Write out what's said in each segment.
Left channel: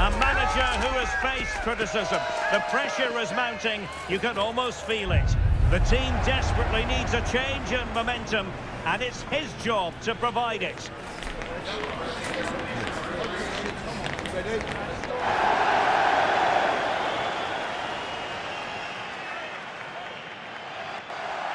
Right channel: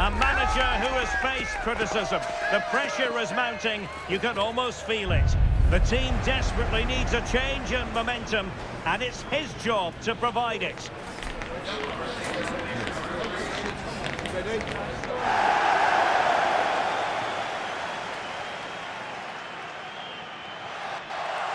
A manager who has faced criticism. The pressure is mounting. You can almost feel it. The team desperately needs a change in momentum, and it's his job to provide it. Ready?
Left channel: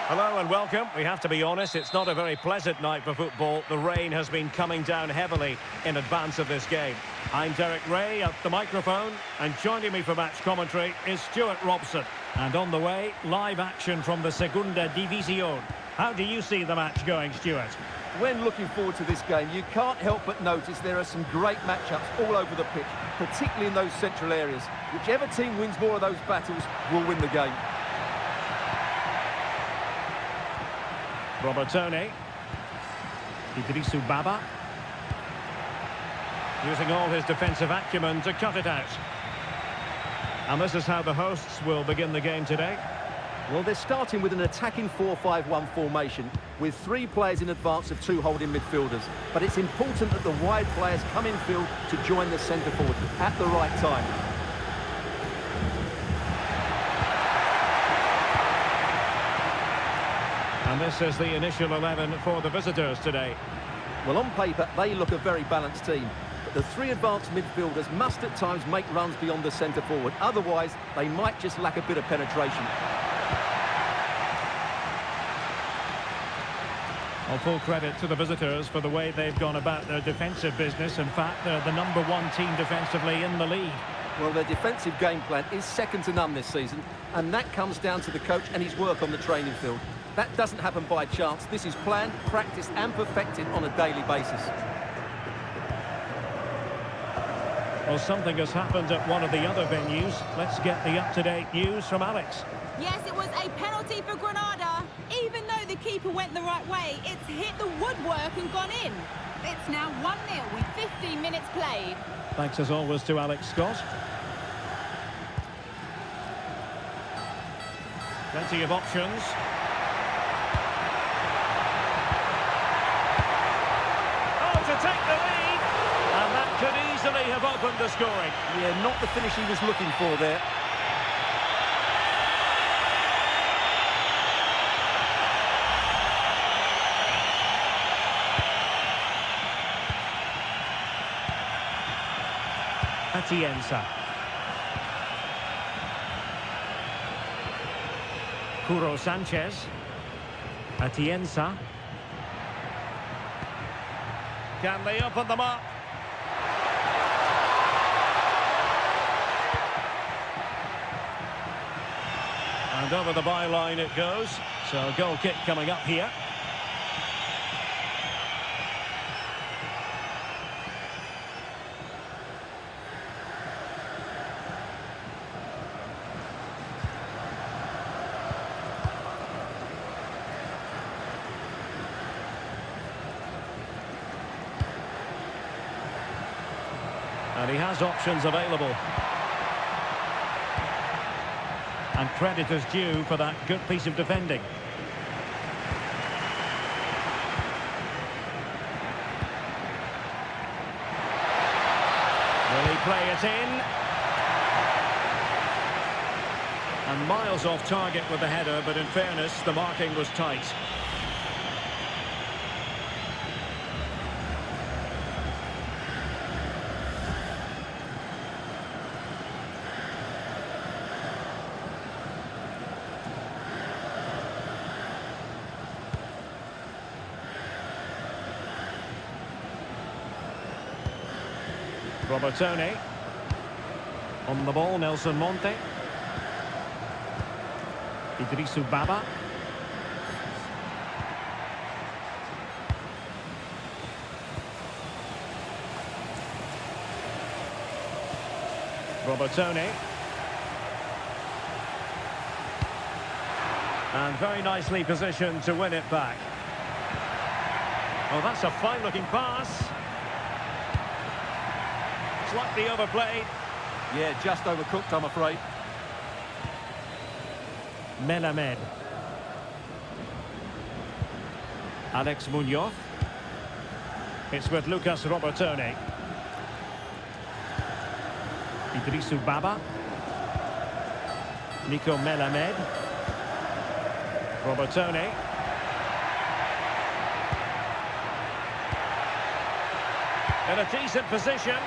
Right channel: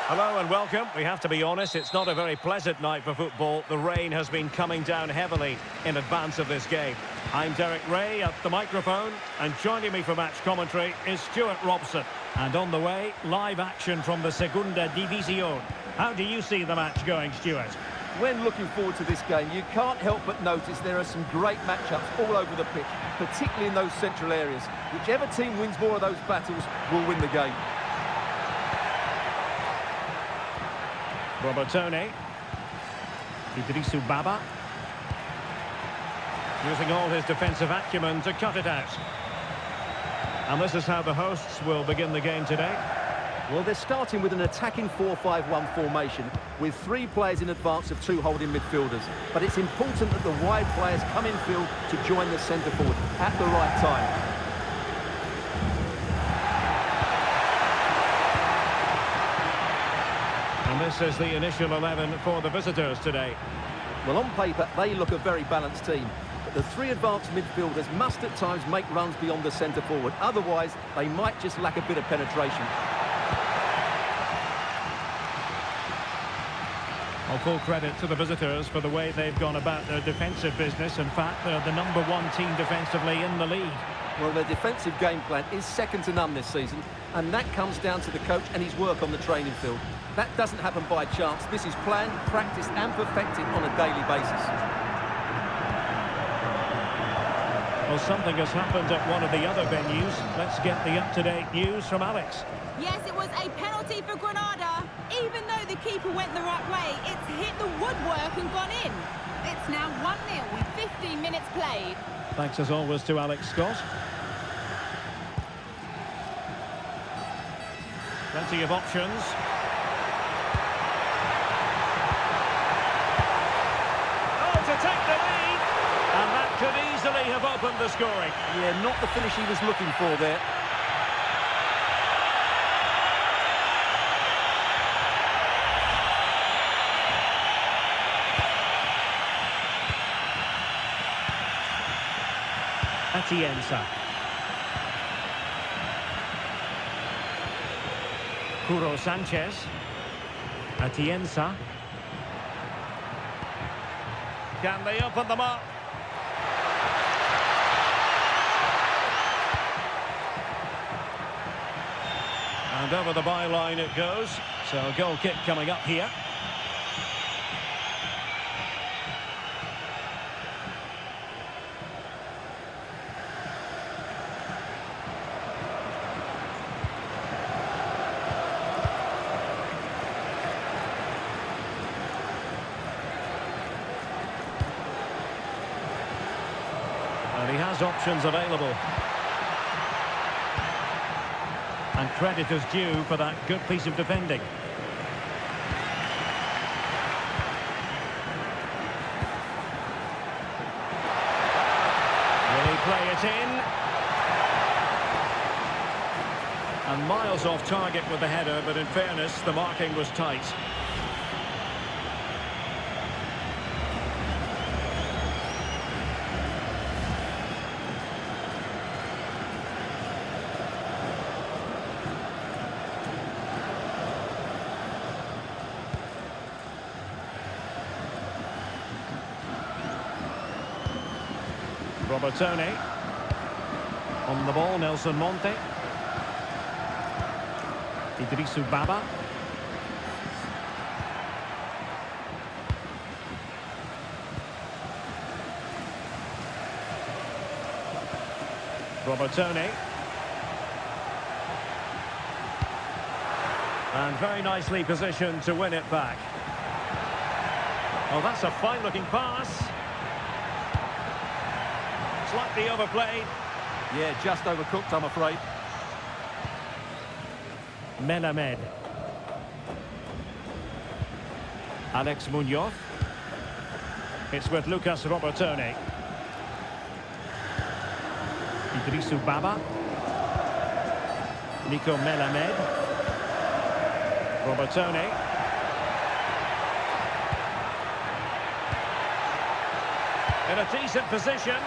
Hello and welcome. We have to be honest, it's not a very pleasant night for football. The rain has been coming down heavily in advance of this game. I'm Derek Ray at the microphone, and joining me for match commentary is Stuart Robson. And on the way, live action from the Segunda Divisão. How do you see the match going, Stuart? When looking forward to this game, you can't help but notice there are some great matchups all over the pitch, particularly in those central areas. Whichever team wins more of those battles will win the game. Robertone. Idrissou Baba. Using all his defensive acumen to cut it out. And this is how the hosts will begin the game today. Well, they're starting with an attacking 4-5-1 formation with 3 players in advance of 2 holding midfielders. But it's important that the wide players come in field to join the centre forward at the right time. And this is the initial 11 for the visitors today. Well, on paper, they look a very balanced team. But the 3 advanced midfielders must at times make runs beyond the centre forward. Otherwise, they might just lack a bit of penetration. Well, full credit to the visitors for the way they've gone about their defensive business. In fact, they're the #1 team defensively in the league. Well, their defensive game plan is second to none this season, and that comes down to the coach and his work on the training field. That doesn't happen by chance. This is planned, practiced and perfected on a daily basis. Well, something has happened at one of the other venues. Let's get the up-to-date news from Alex. Yes, it was a penalty for Granada. Even though the keeper went the right way, it's hit the woodwork and gone in. It's now 1-0 with 15 minutes played. Thanks as always to Alex Scott. Plenty of options. To take the lead, and that could easily have opened the scoring. Yeah, not the finish he was looking for there. Atienza. Curo Sanchez. Atienza. Can they open them up? And over the byline it goes. So a goal kick coming up here. And he has options available. And credit is due for that good piece of defending. Will he play it in? And miles off target with the header, but in fairness, the marking was tight. Robertone. On the ball, Nelson Monte. Idrisu Baba. Robertone. And very nicely positioned to win it back. Oh, that's a fine-looking pass. Slightly overplayed. Yeah, just overcooked, I'm afraid. Melamed. Alex Munoz. It's with Lucas Robertone. Idrisu Baba. Nico Melamed. Robertone. In a decent position.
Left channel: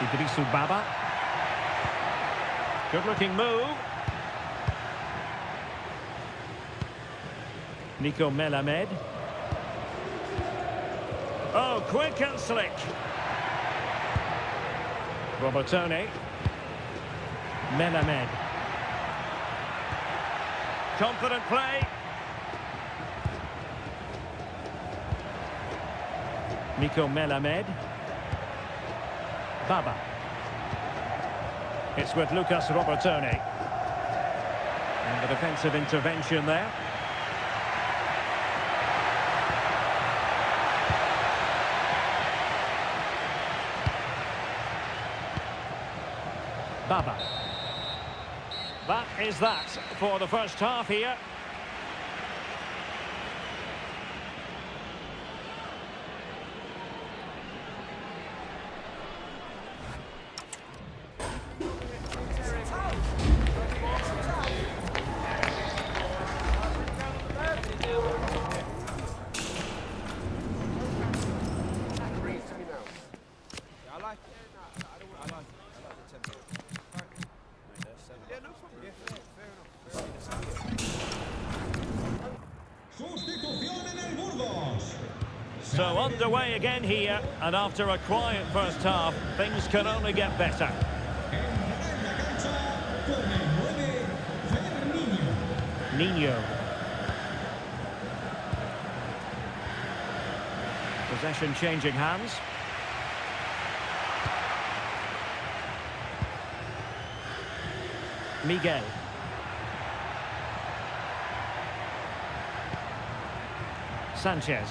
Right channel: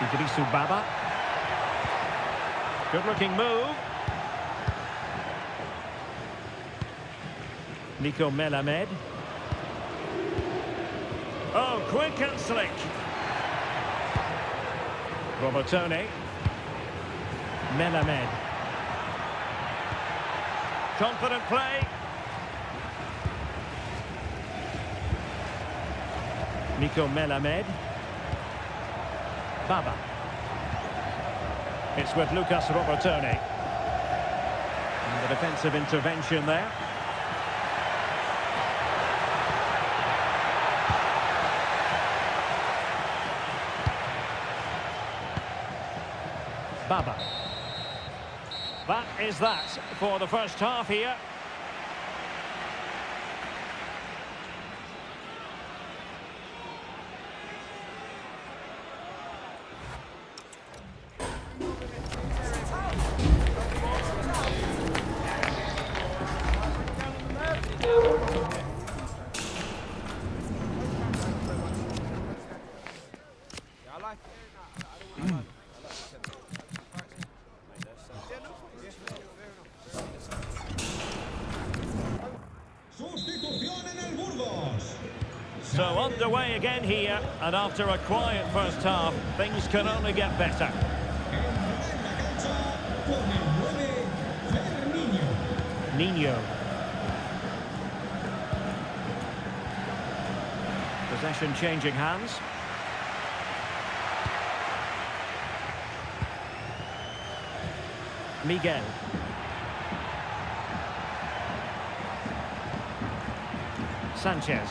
Idrisu Baba. Good looking move. Nico Melamed. Oh, quick and slick. Robertone. Melamed. Confident play. Nico Melamed. Baba. It's with Lucas Robertone. And the defensive intervention there. Baba. That is that for the first half here. So underway again here, and after a quiet first half, things can only get better. Nino. Possession changing hands. Miguel. Sanchez.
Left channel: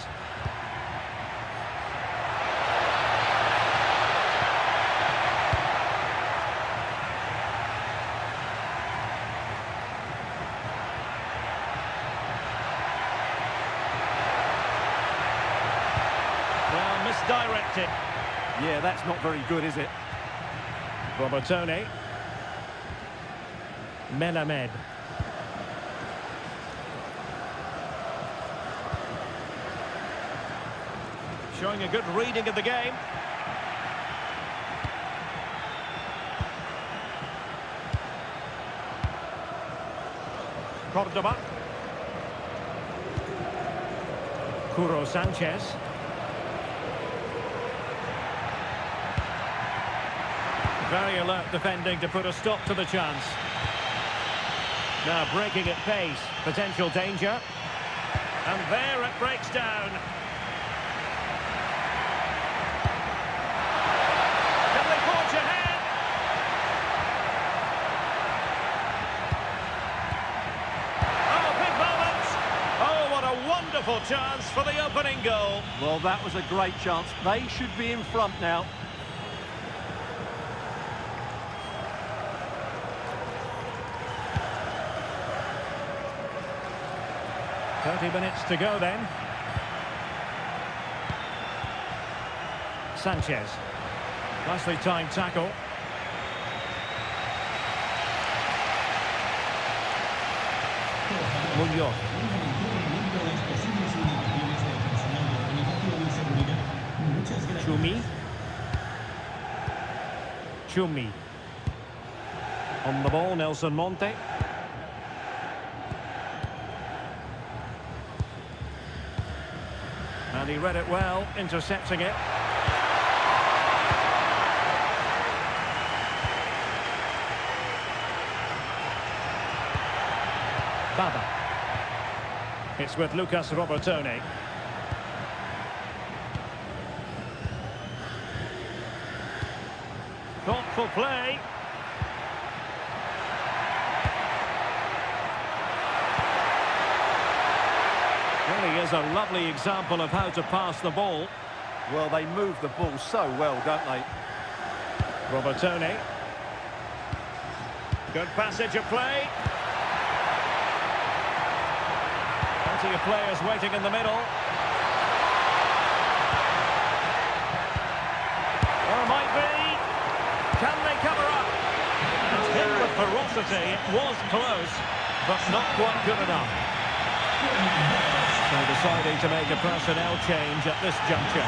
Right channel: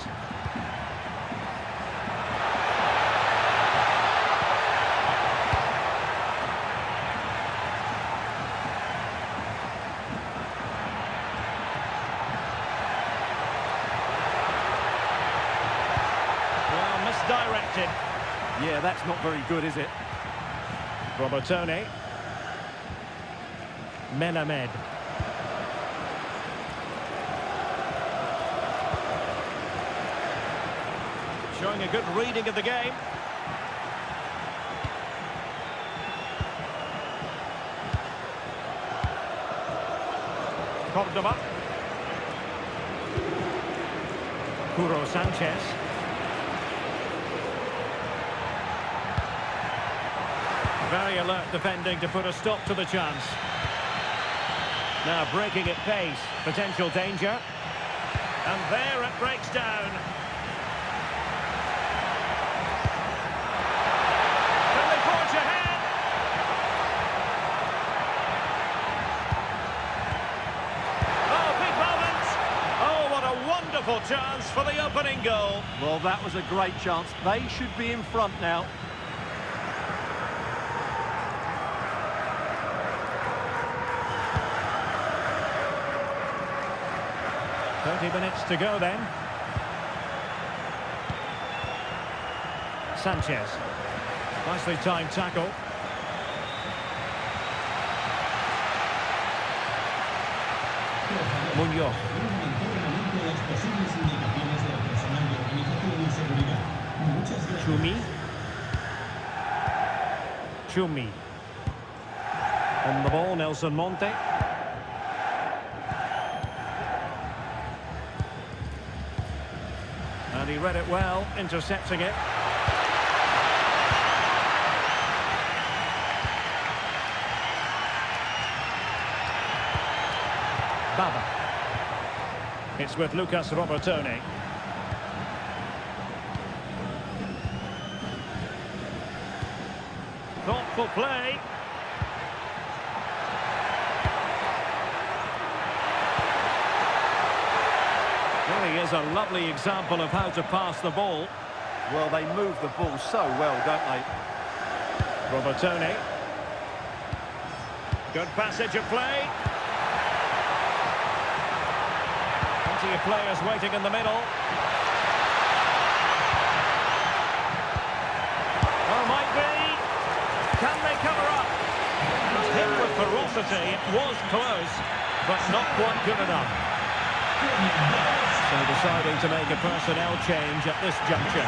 Well, misdirected. Yeah, that's not very good, is it? Robertone. Melamed. Showing a good reading of the game. Cordoba. Curo Sanchez. Very alert defending to put a stop to the chance. Now breaking at pace. Potential danger. And there it breaks down. Can they forge ahead? Oh, big moment. Oh, what a wonderful chance for the opening goal. Well, that was a great chance. They should be in front now. "30 minutes to go then." Sanchez. Nicely timed tackle. Munoz. Chumi. On the ball, Nelson Monte. And he read it well, intercepting it. Baba. It's with Lucas Robertone. Thoughtful play. Really is a lovely example of how to pass the ball. Well, they move the ball so well, don't they? Robertone. Good passage of play. Plenty of players waiting in the middle. Oh, might be. Can they cover up? And hit with ferocity. It was close, but not quite good enough. So deciding to make a personnel change at this juncture.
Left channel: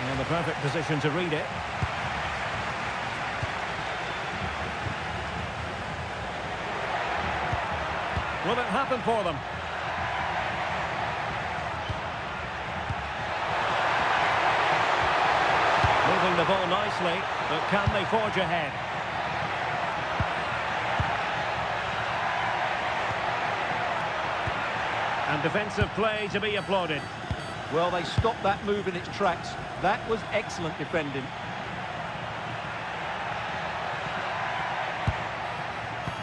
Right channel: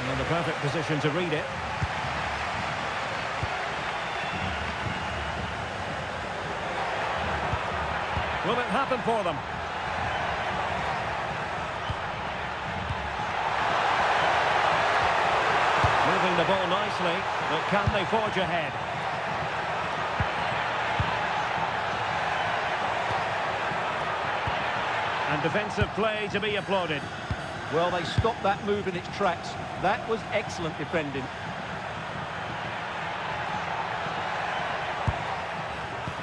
And in the perfect position to read it. Will it happen for them? Moving the ball nicely, but can they forge ahead? And defensive play to be applauded. Well, they stopped that move in its tracks. That was excellent defending.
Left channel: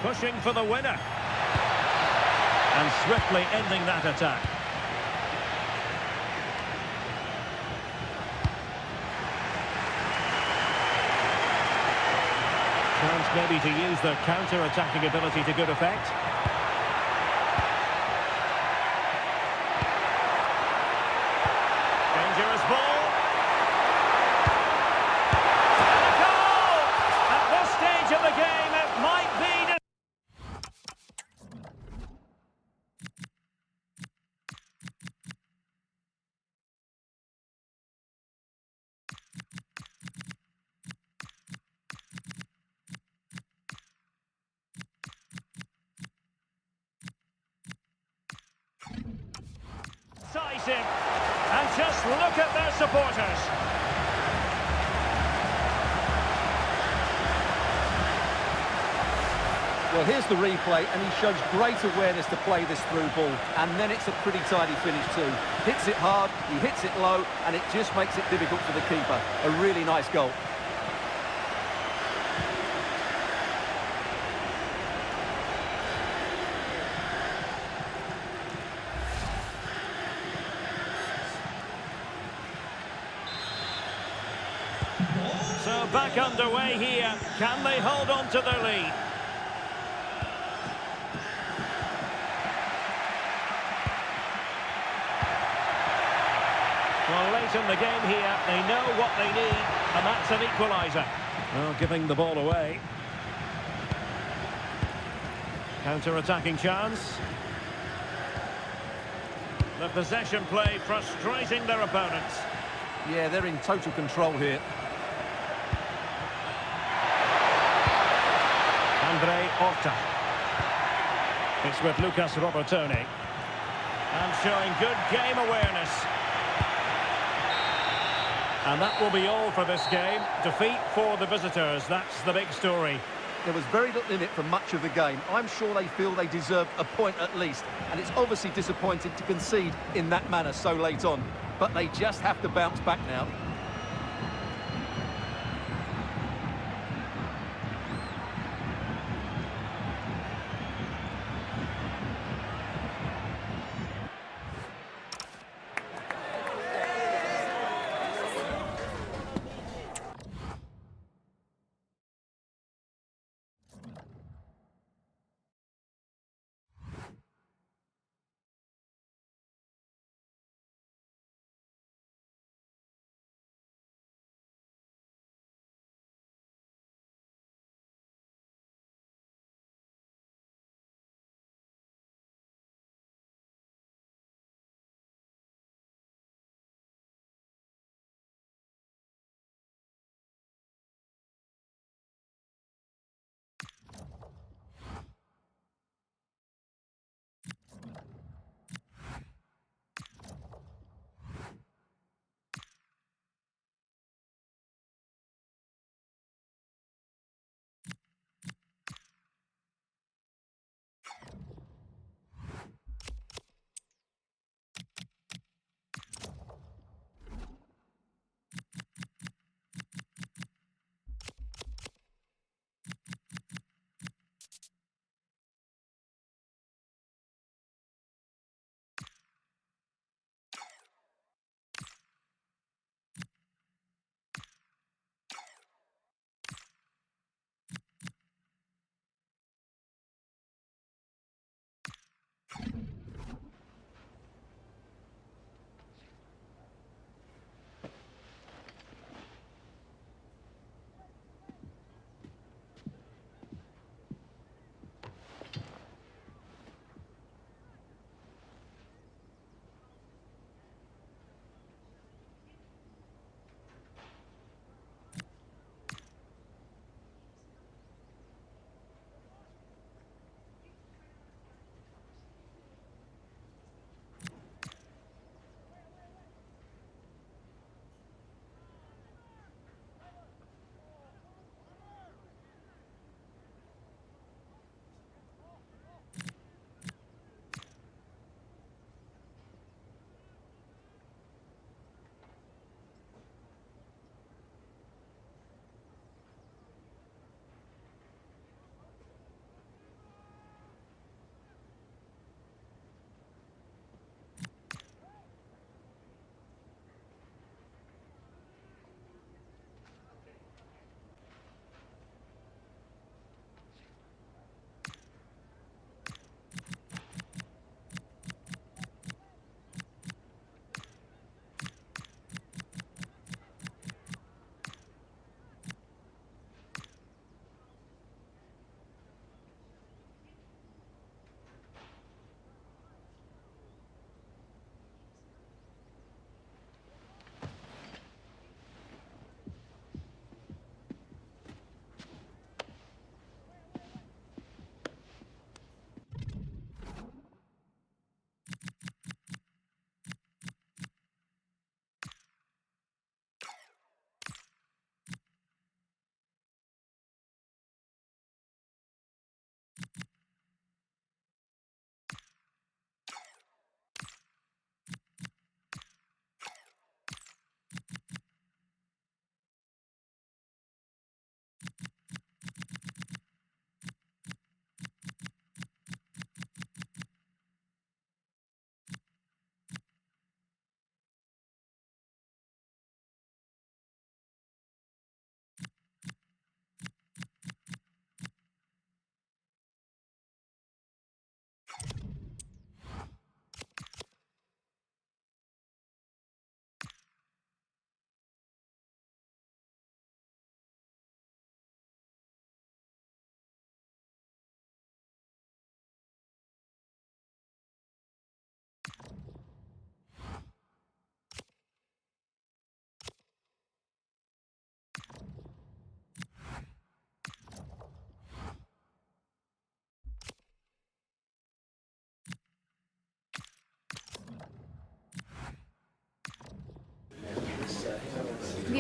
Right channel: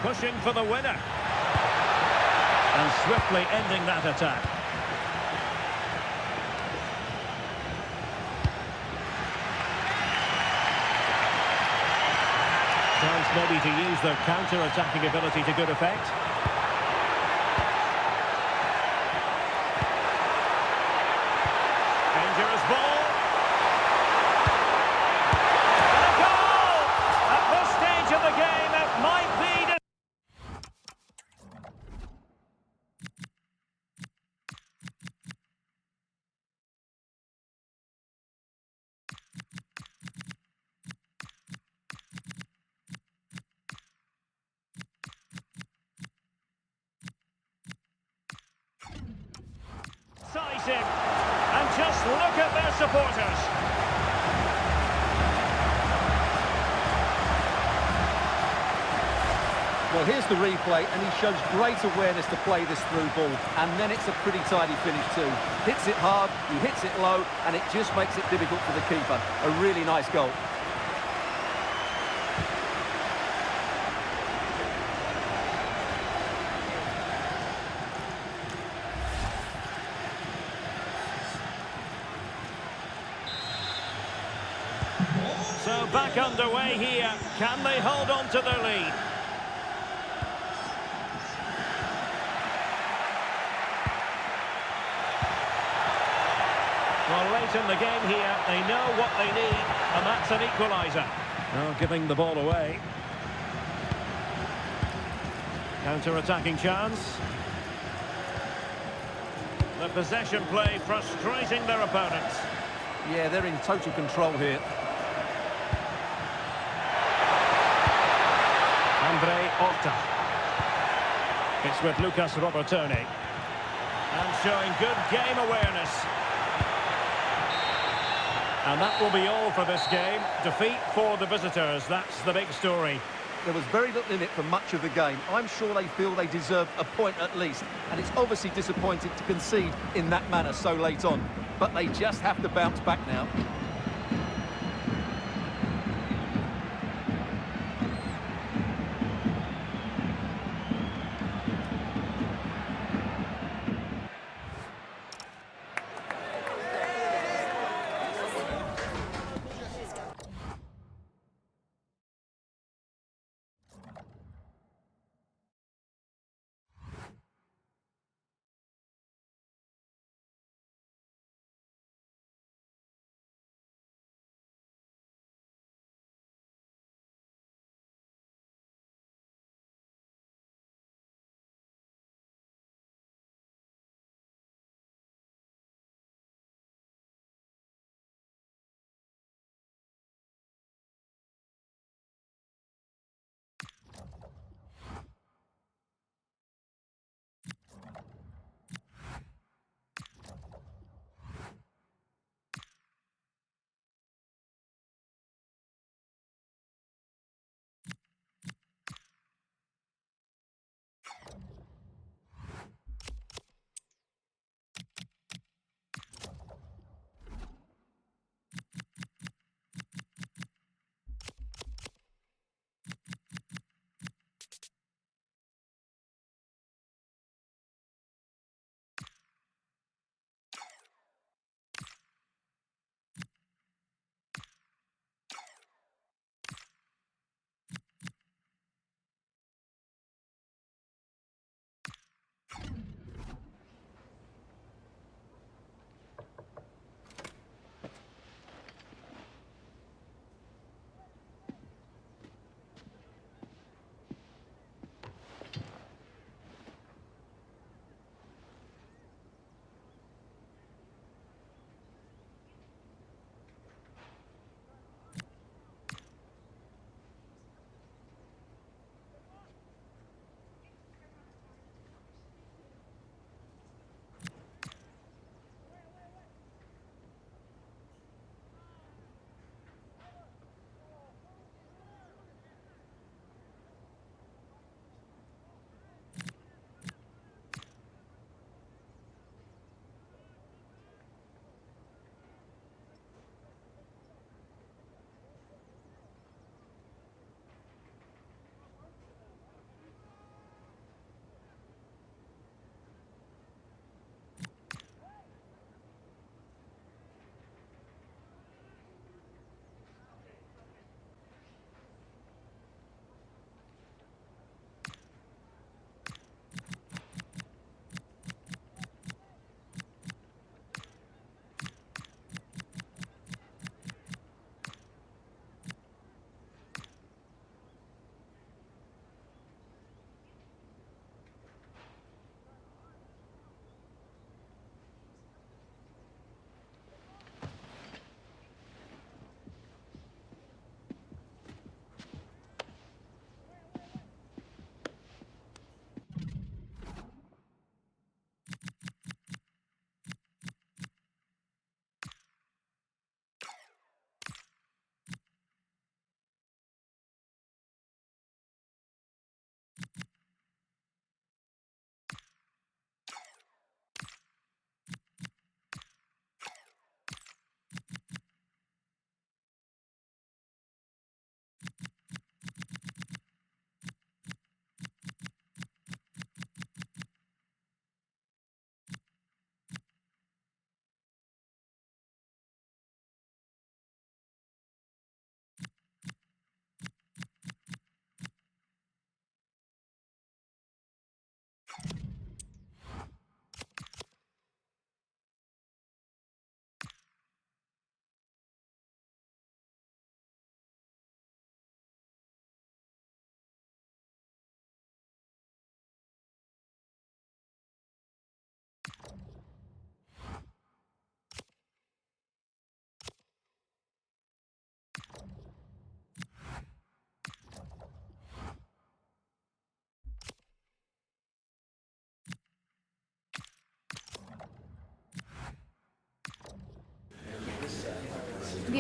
Pushing for the winner. And swiftly ending that attack. Chance maybe to use their counter-attacking ability to good effect. Dangerous ball. And a goal! At this stage of the game, it might be... decisive. And just look at their supporters. Well, here's the replay, and he shows great awareness to play this through ball. And then it's a pretty tidy finish too. Hits it hard, he hits it low, and it just makes it difficult for the keeper. A really nice goal. So back underway here. Can they hold on to their lead? Well, late in the game here, they know what they need, and that's an equaliser. Well, giving the ball away. Counter-attacking chance. The possession play frustrating their opponents. Yeah, they're in total control here. Andre Horta. It's with Lucas Robertoni. And showing good game awareness. And that will be all for this game. Defeat for the visitors, that's the big story. There was very little in it for much of the game. I'm sure they feel they deserve a point at least. And it's obviously disappointing to concede in that manner so late on. But they just have to bounce back now.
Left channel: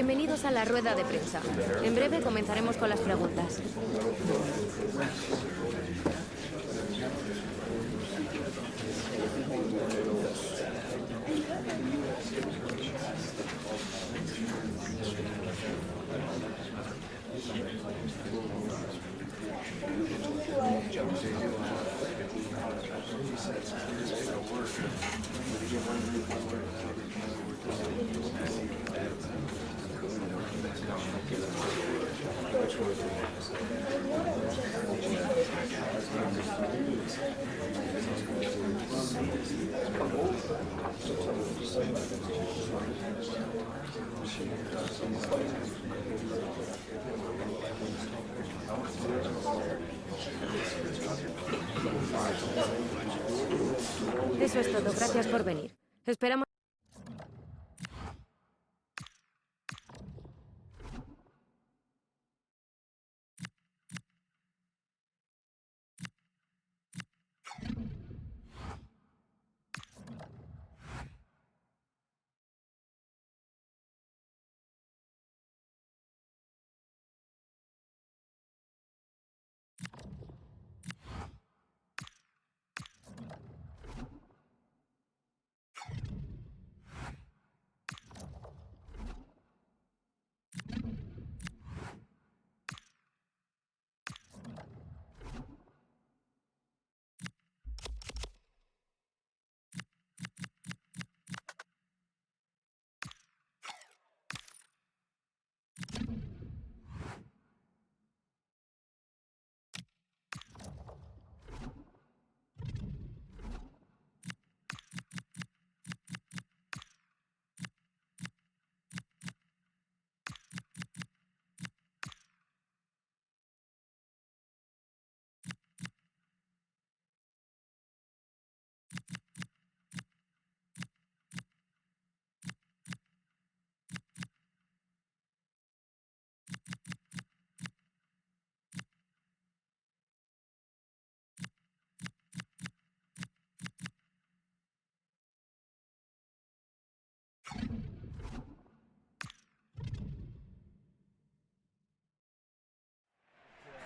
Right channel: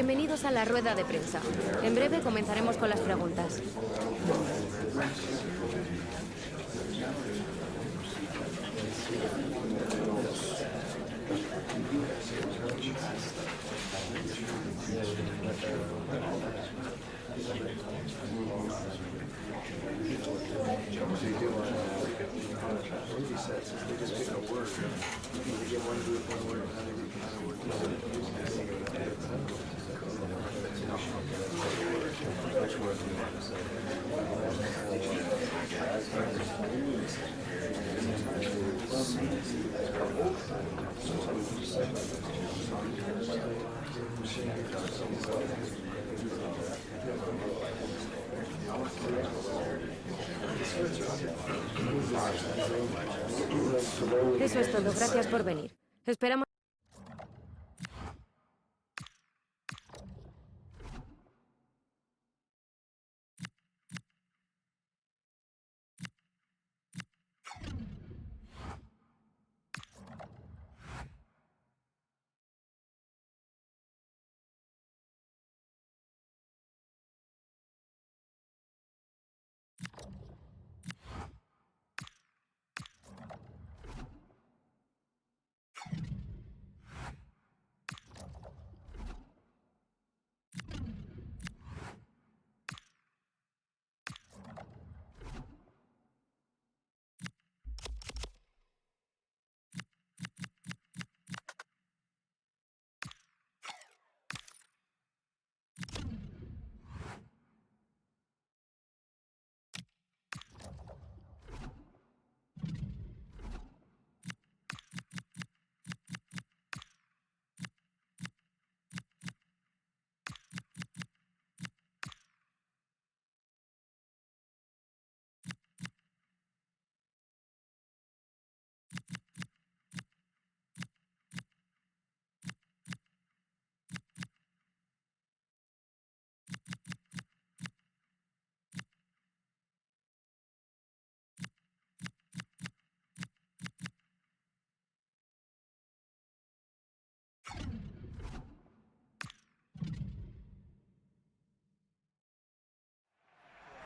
Bienvenidos a la rueda de prensa. En breve comenzaremos con las preguntas. Eso es todo. Gracias por venir. Esperamos.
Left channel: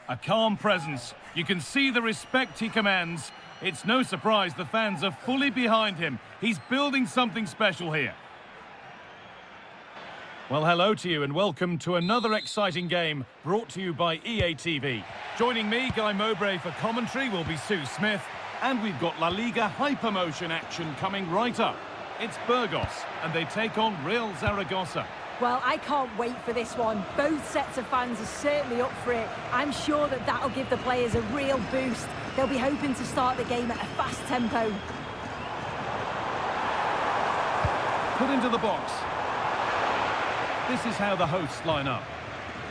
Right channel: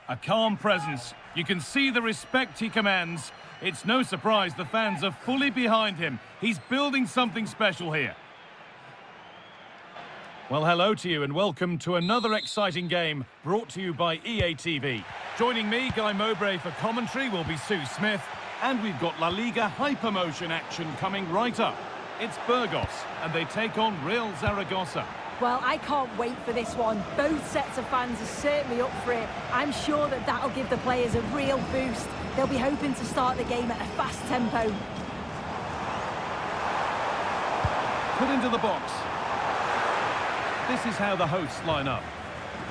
A calm presence. You can see the respect he commands. It's no surprise the fans are fully behind him. He's building something special here. Well, hello to you and welcome to another exciting game brought to you by EA TV. Joining me, Guy Mowbray for commentary, will be Sue Smith. And we've got LaLiga Hypermotion action coming right up. It's Burgos and they take on Real Zaragoza. Well, I can't wait for this one. Both sets of fans are certainly up for it. I'm sure that that'll give the players a real boost. They'll be hoping to start the game at a fast tempo. Put into the box. This is how the hosts line up.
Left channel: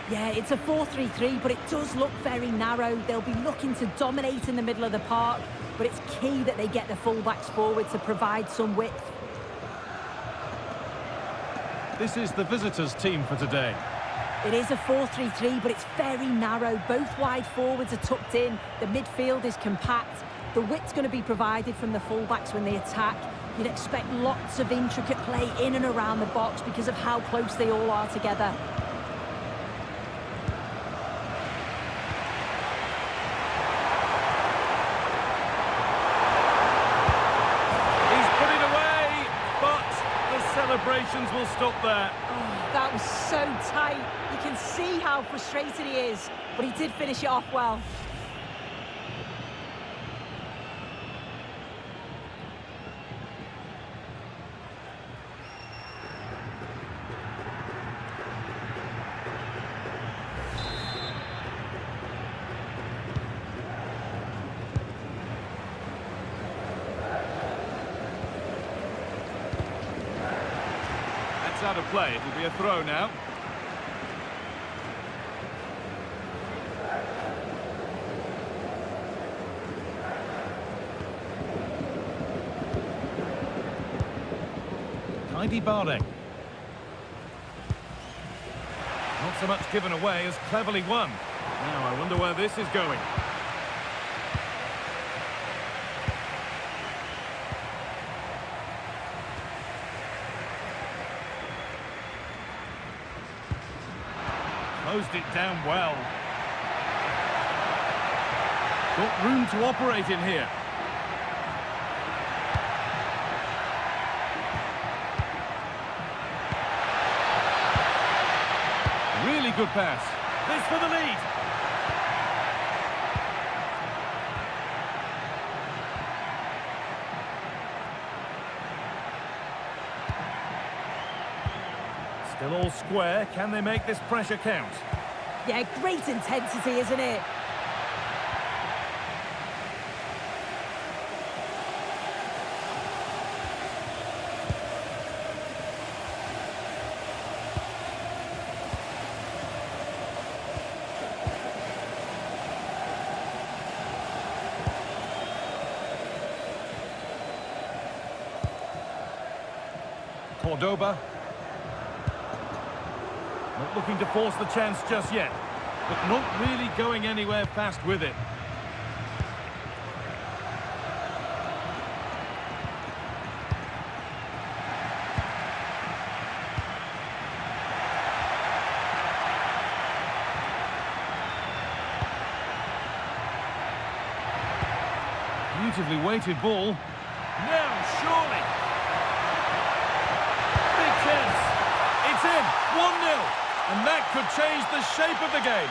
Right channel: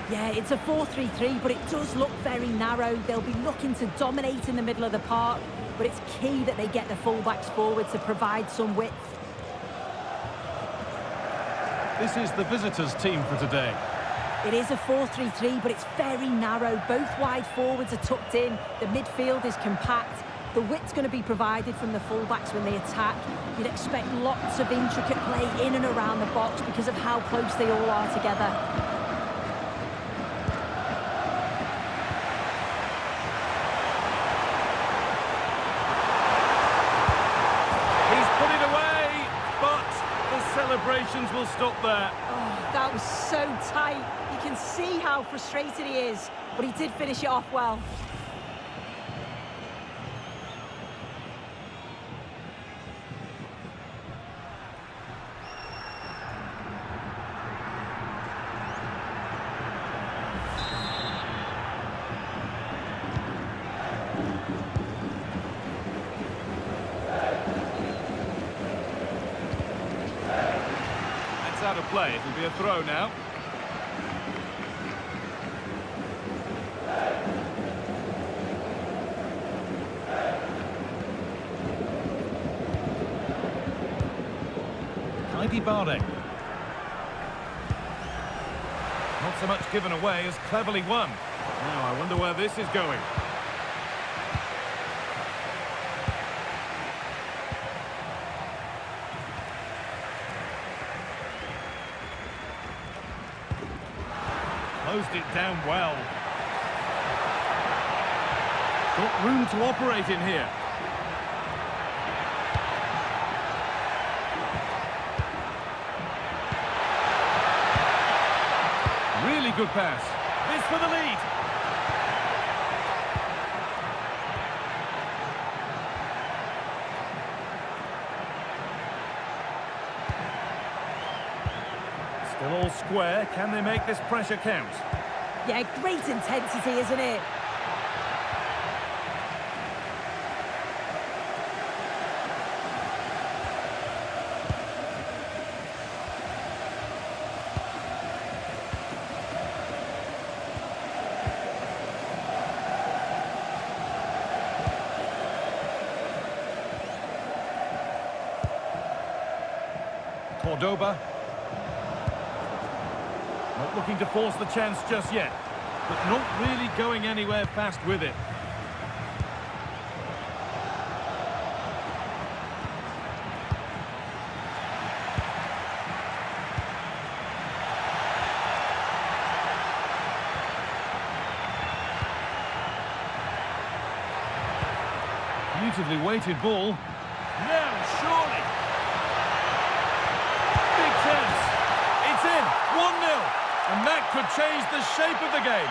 Yeah, it's a 4-3-3, but it does look very narrow. They'll be looking to dominate in the middle of the park, but it's key that they get the fullbacks forward to provide some width. This is the visitors' team for today. It is a 4-3-3, but it's very narrow. Both wide forwards are tucked in. The midfield is compact. The width's going to be provided from the fullbacks when they attack. You'd expect lots of intricate play in and around the box because of how close they all are together. He's put it away, but the celebrations will stop there. Oh, that was so tight. You can see how frustrated he is, but he did finish it off well. Out of play, it'll be a throw now. Barre. Not so much given away as cleverly won. Now I wonder where this is going. Closed it down well. Got room to operate in here. Really good pass. This for the lead. Still all square. Can they make this pressure count? Yeah, great intensity, isn't it? Cordoba. Not looking to force the chance just yet, but not really going anywhere fast with it. Beautifully weighted ball. Now, surely. Big chance. It's in. 1-0. And that could change the shape of the game.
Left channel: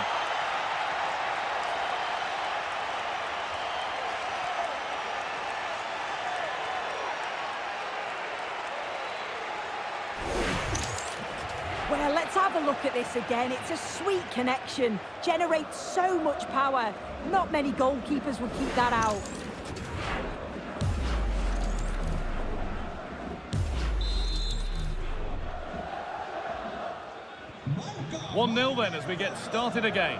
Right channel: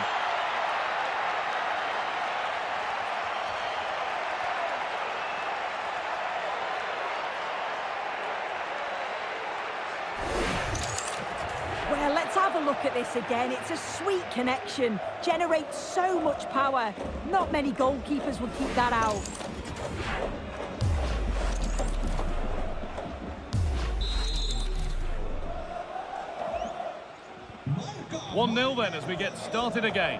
Well, let's have a look at this again. It's a sweet connection. Generates so much power. Not many goalkeepers would keep that out. 1-0 then as we get started again.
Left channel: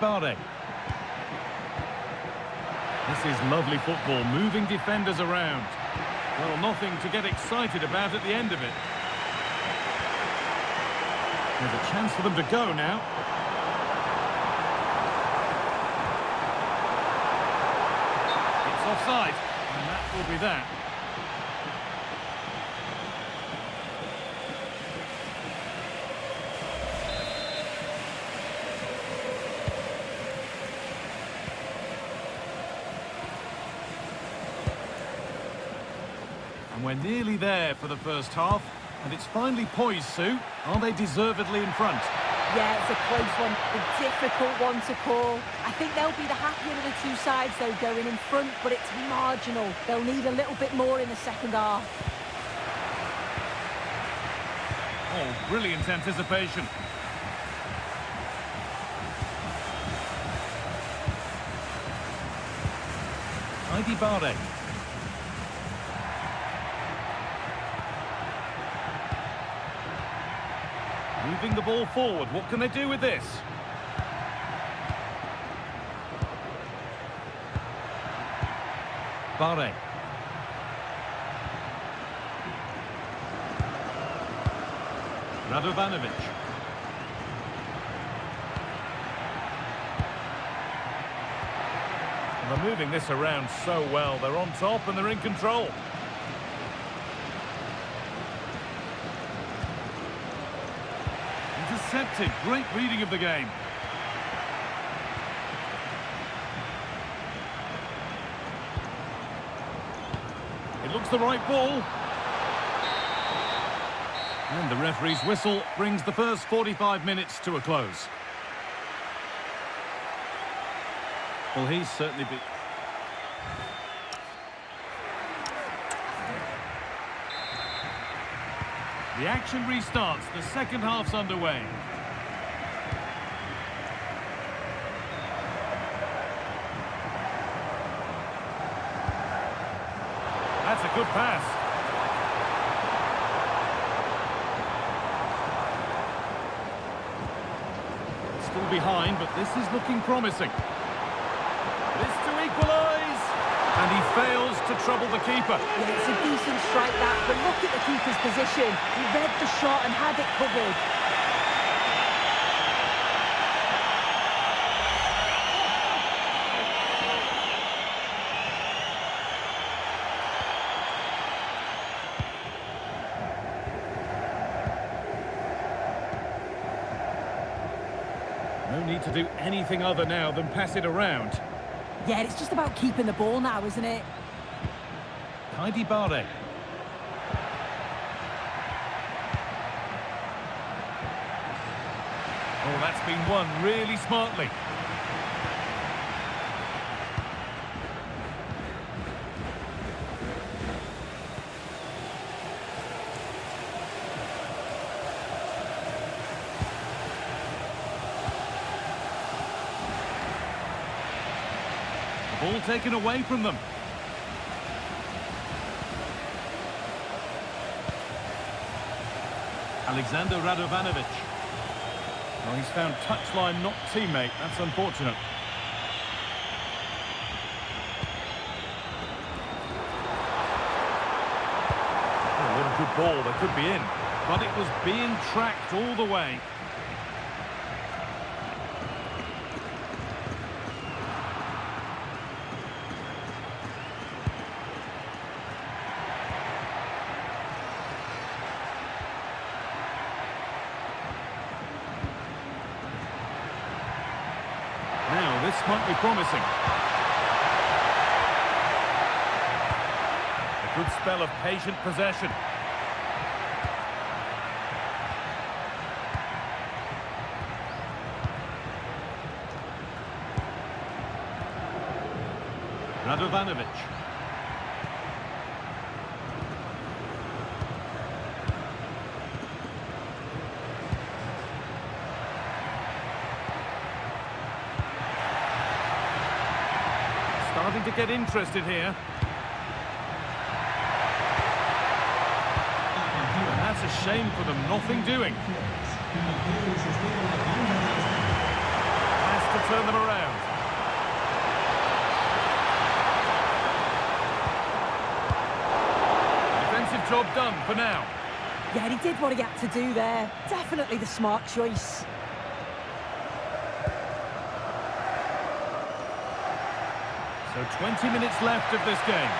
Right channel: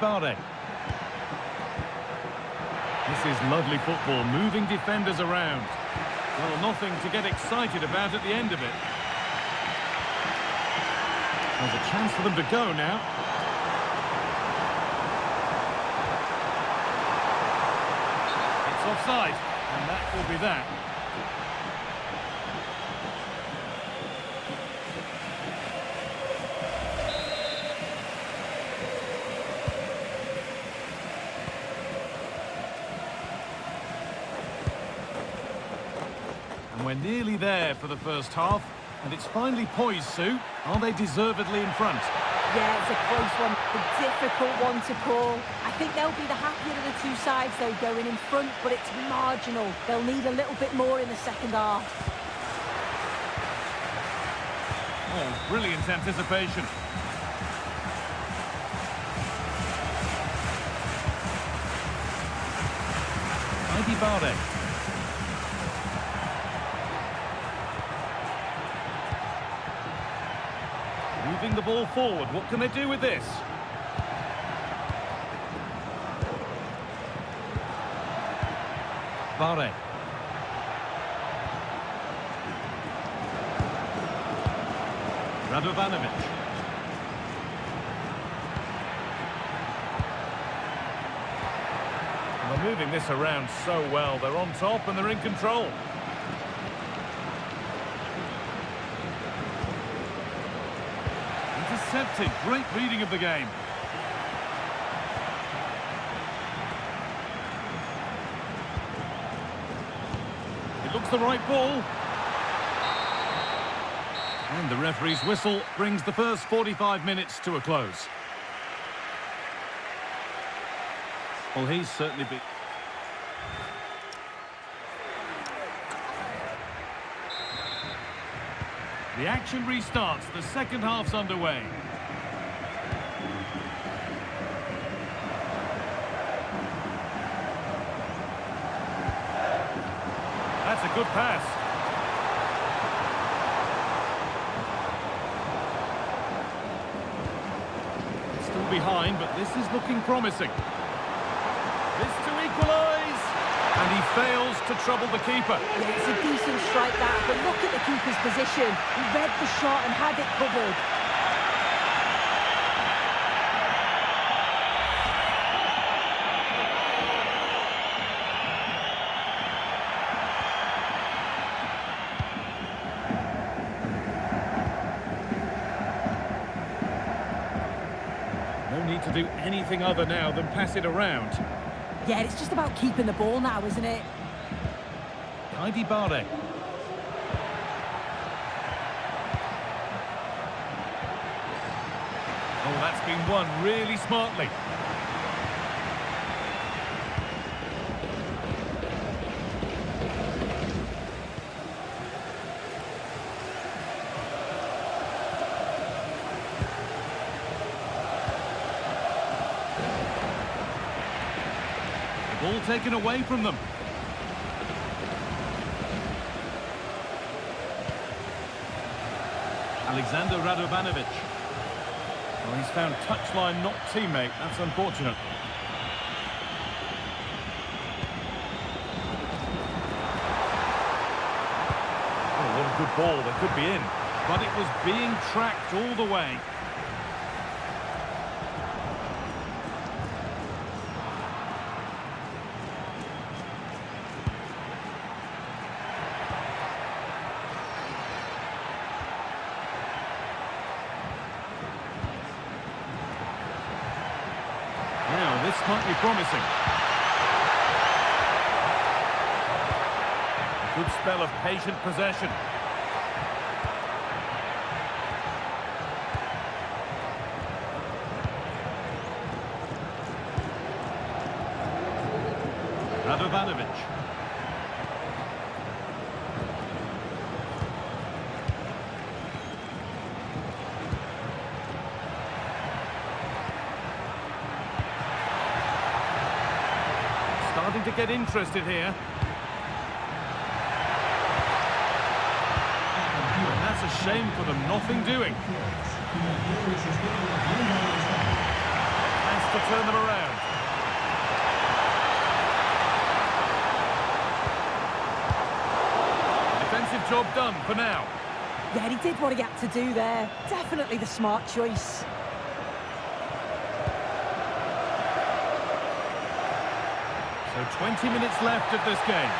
Bare. This is lovely football, moving defenders around. Well, nothing to get excited about at the end of it. There's a chance for them to go now. It's offside, and that will be that. And we're nearly there for the first half, and it's finally poised, Sue. Are they deservedly in front? Yeah, it's a close one, a difficult one to call. I think they'll be the happier of the two sides, though, going in front, but it's marginal. They'll need a little bit more in the second half. Oh, brilliant anticipation. Bare. Moving the ball forward. What can they do with this? Bare. Radovanovic. And they're moving this around so well. They're on top and they're in control. Intercepted. Great reading of the game. It looks the right ball. And the referee's whistle brings the first 45 minutes to a close. Well, he's certainly been... The action restarts. The second half's underway. That's a good pass. Still behind, but this is looking promising. This to equalise. And he fails to trouble the keeper. Yeah, it's a decent strike that, but look at the keeper's position. He read the shot and had it covered. No need to do anything other now than pass it around. Yeah, it's just about keeping the ball now, isn't it? Bare. Oh, that's been won really smartly. The ball taken away from them. Alexander Radovanovic. Well, he's found touchline, not teammate. That's unfortunate. Oh, what a good ball. They could be in. But it was being tracked all the way. Now, this might be promising. A good spell of patient possession. Radovanovic. Starting to get interested here. And that's a shame for them, nothing doing. Has to turn them around. Defensive job done for now. Yeah, he did what he had to do there. Definitely the smart choice. So 20 minutes left of this game.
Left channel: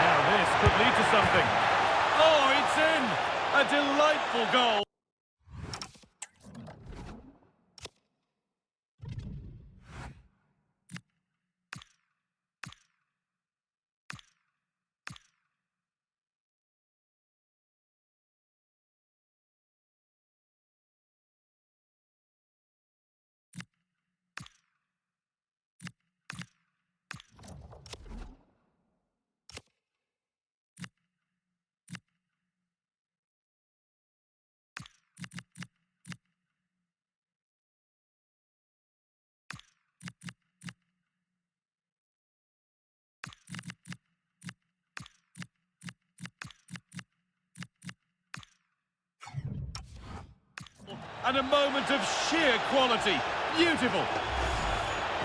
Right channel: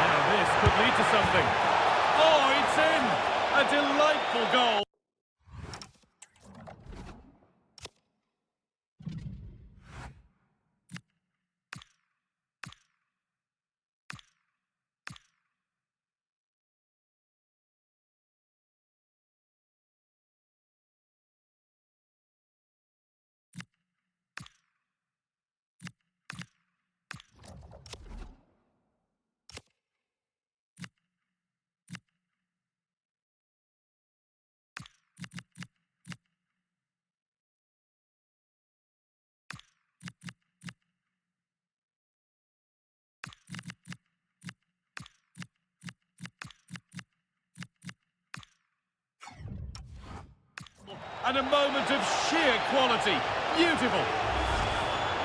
Now this could lead to something. Oh, it's in! A delightful goal. And a moment of sheer quality. Beautiful.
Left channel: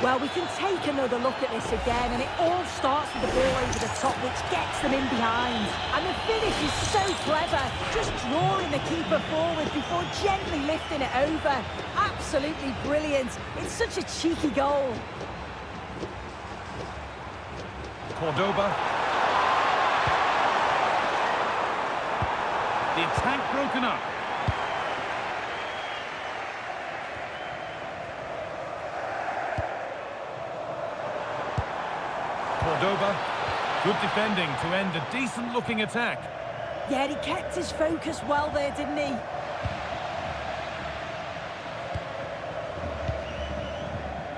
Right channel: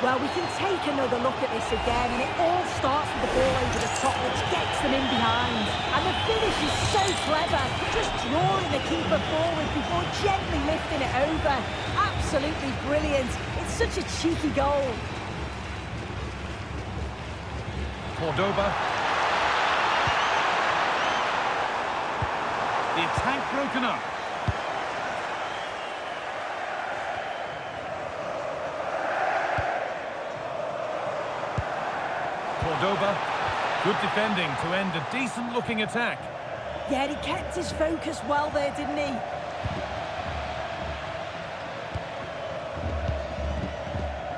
Well, we can take another look at this again, and it all starts with the ball over the top, which gets them in behind. And the finish is so clever, just drawing the keeper forward before gently lifting it over. Absolutely brilliant. It's such a cheeky goal. Cordoba. The attack broken up. Cordoba, good defending to end a decent-looking attack. Yeah, he kept his focus well there, didn't he?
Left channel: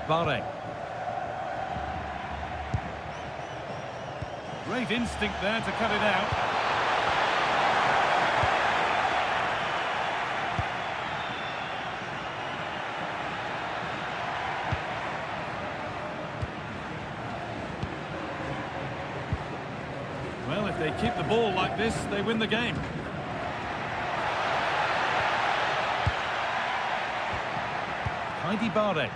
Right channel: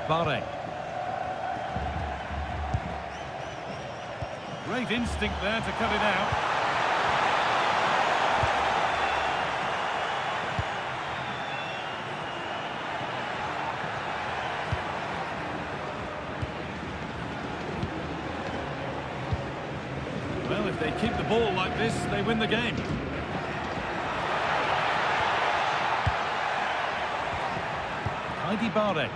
Bare. Great instinct there to cut it out. Well, if they keep the ball like this, they win the game. Bare.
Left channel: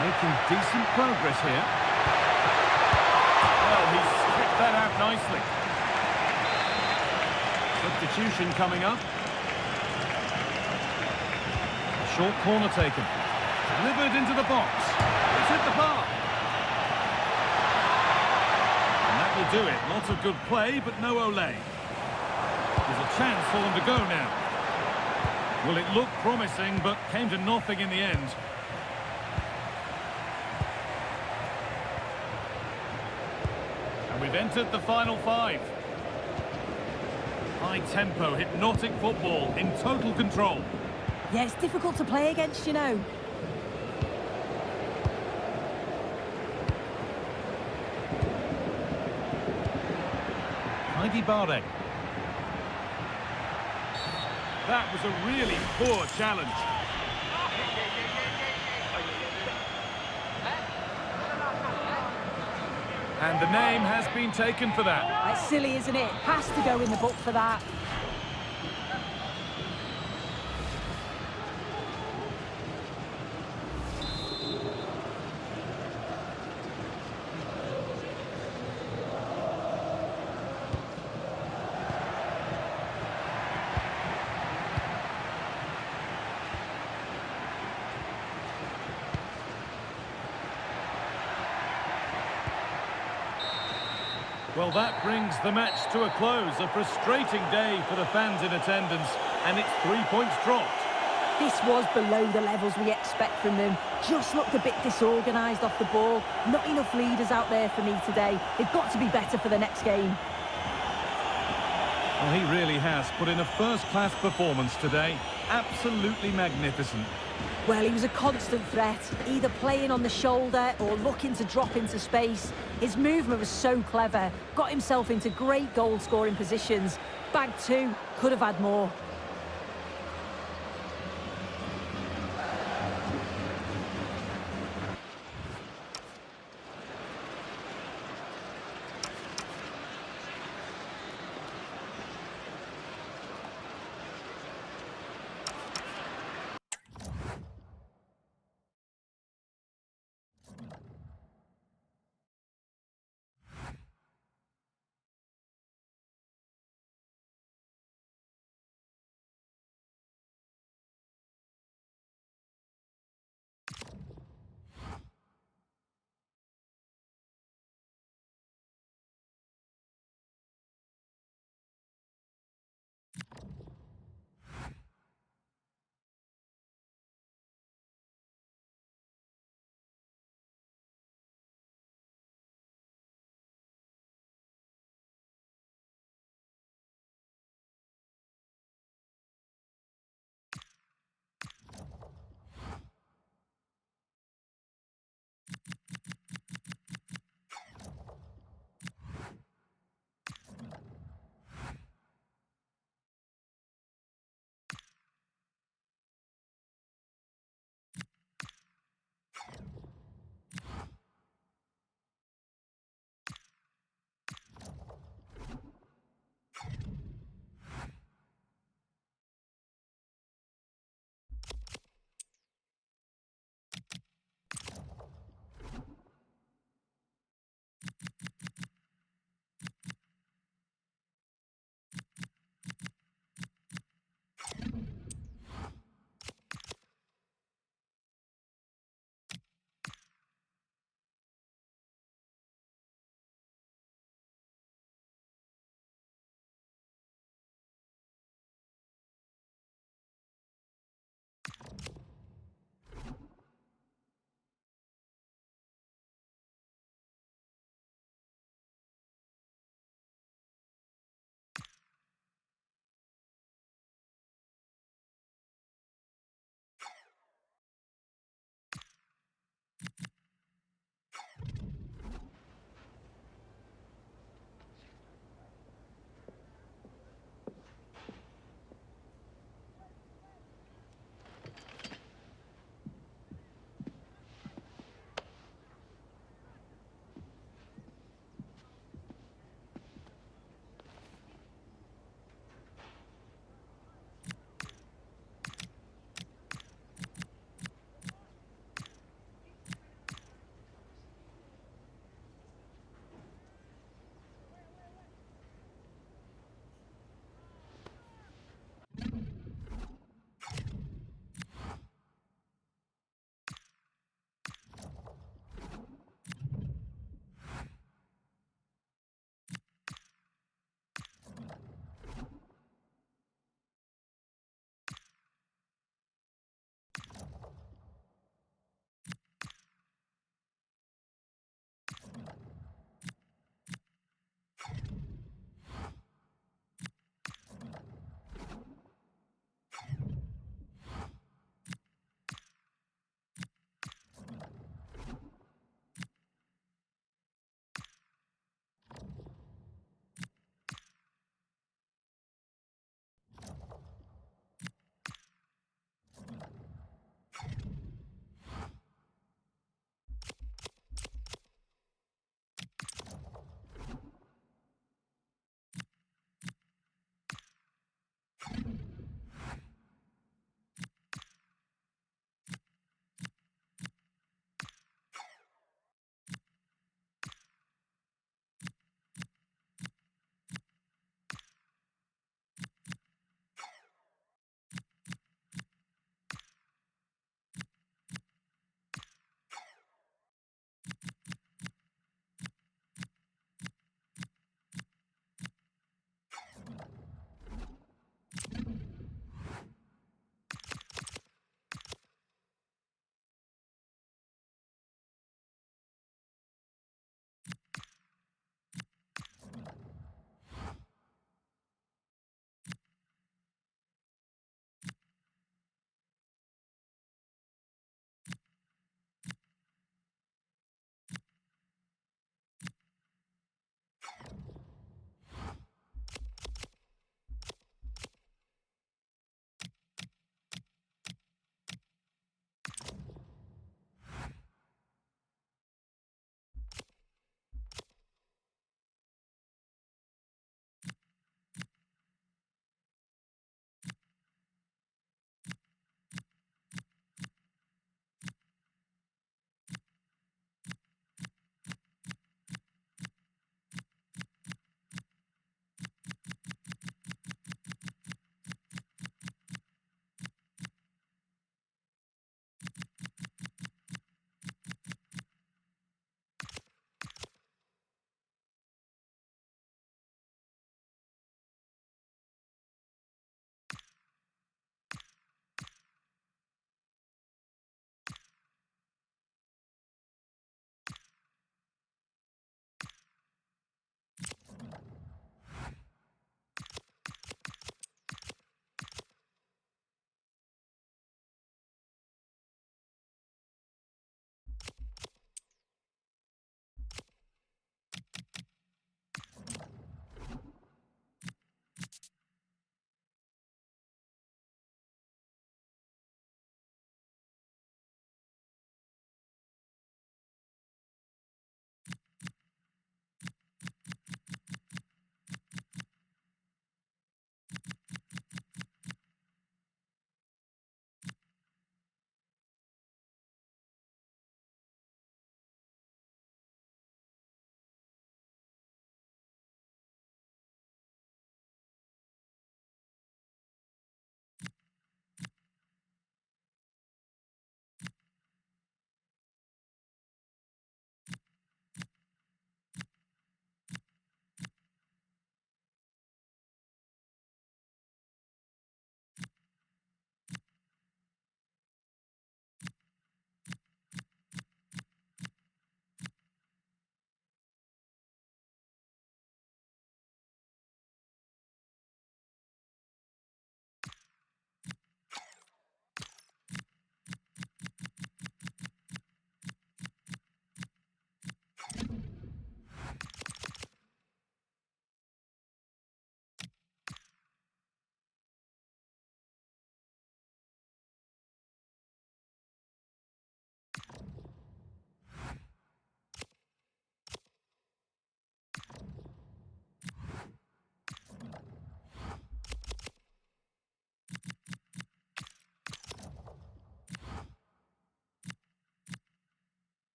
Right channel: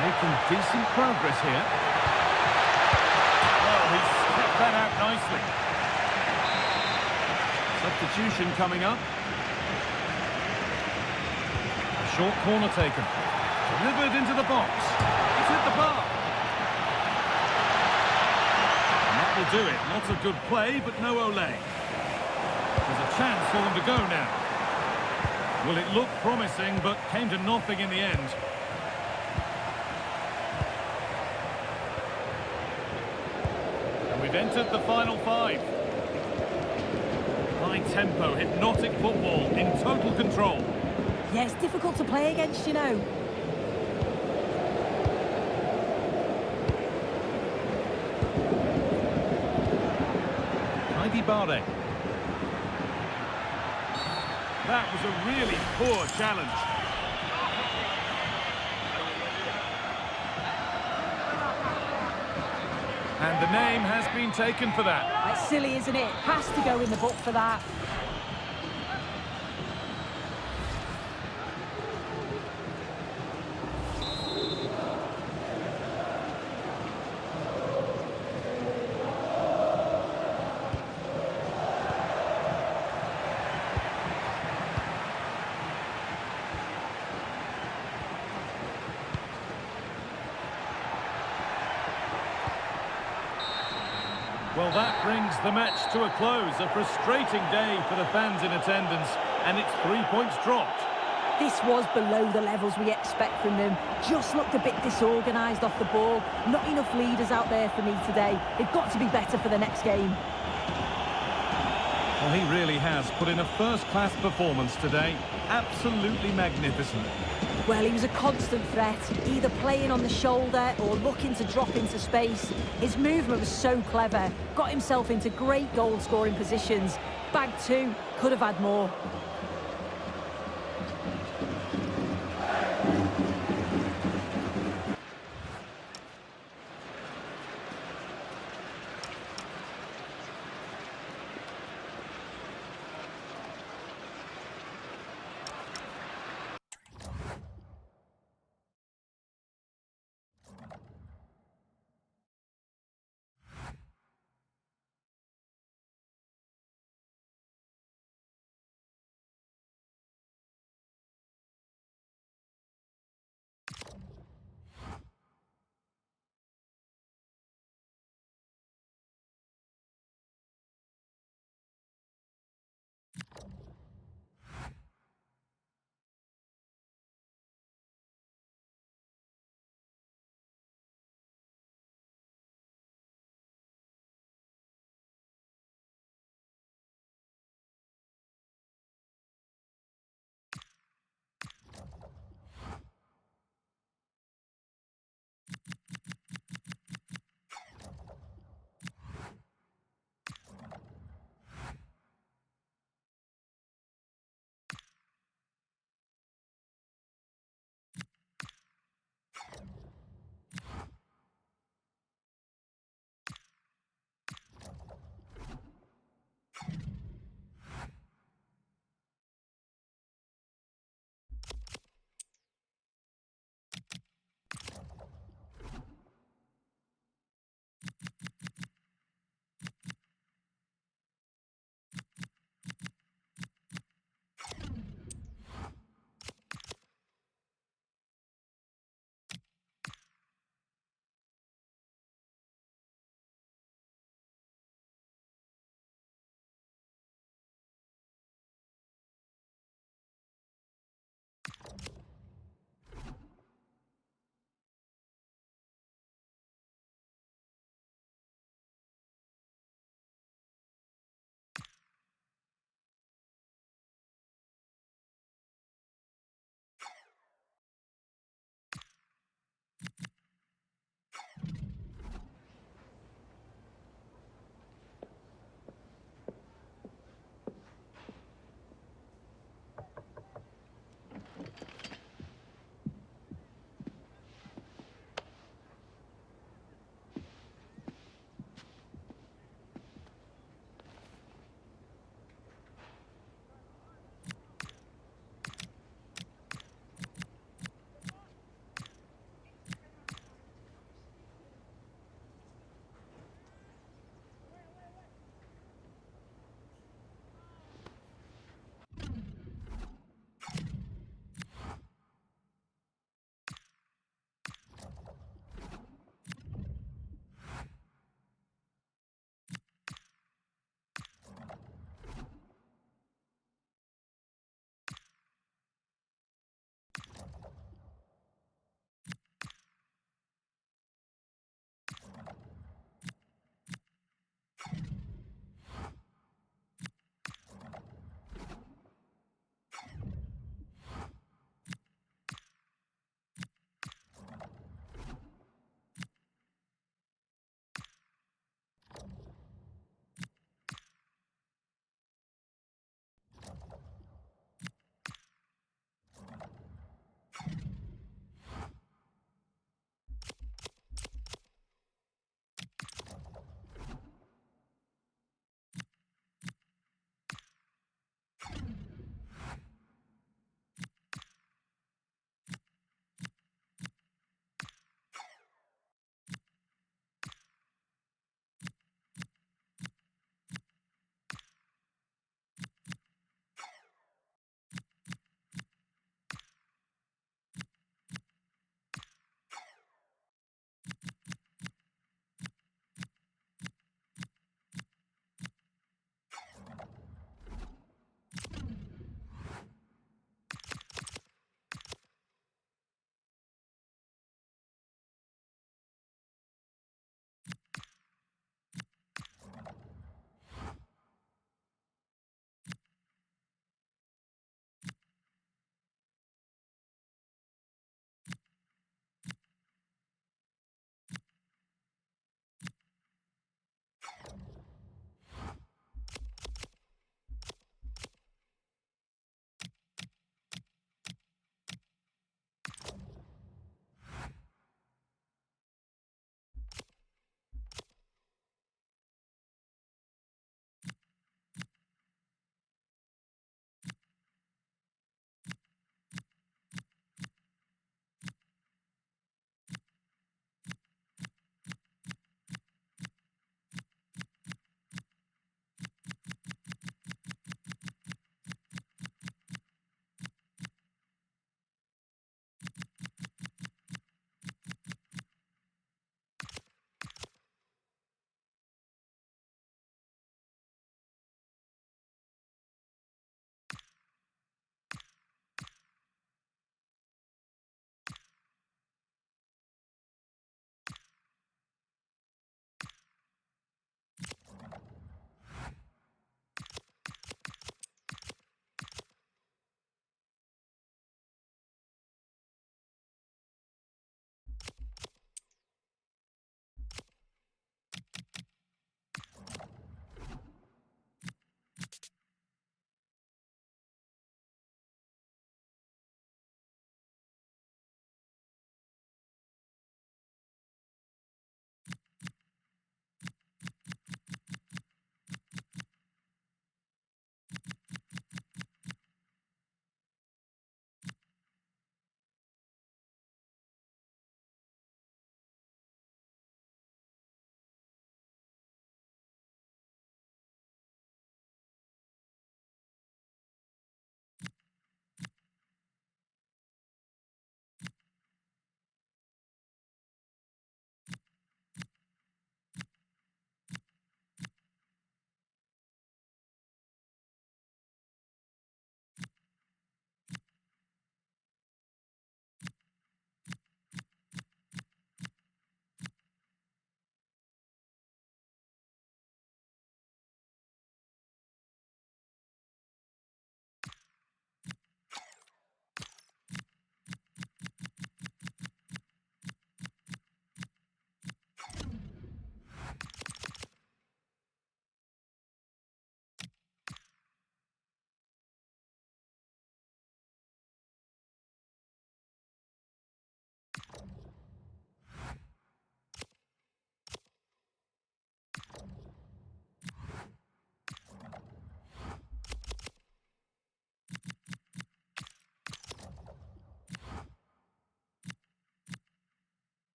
Making decent progress here. Well, he's kept that out nicely. Substitution coming up. A short corner taken. Delivered into the box. It's hit the bar. And that will do it. Lots of good play, but no ole. There's a chance for them to go now. Well, it looked promising, but came to nothing in the end. And we've entered the final 5. High tempo, hypnotic football in total control. Yeah, it's difficult to play against, you know. Heidi Barre. That was a really poor challenge. And the name has been taken for that. It's silly, isn't it? Has to go in the book for that. Well, that brings the match to a close. A frustrating day for the fans in attendance, and it's 3 points dropped. This was below the levels we expect from them. Just looked a bit disorganised off the ball. Not enough leaders out there for me today. They've got to be better for the next game. Well, he really has put in a first-class performance today. Absolutely magnificent. Well, he was a constant threat, either playing on the shoulder or looking to drop into space. His movement was so clever, got himself into great goal-scoring positions. Bagged 2, could have had more.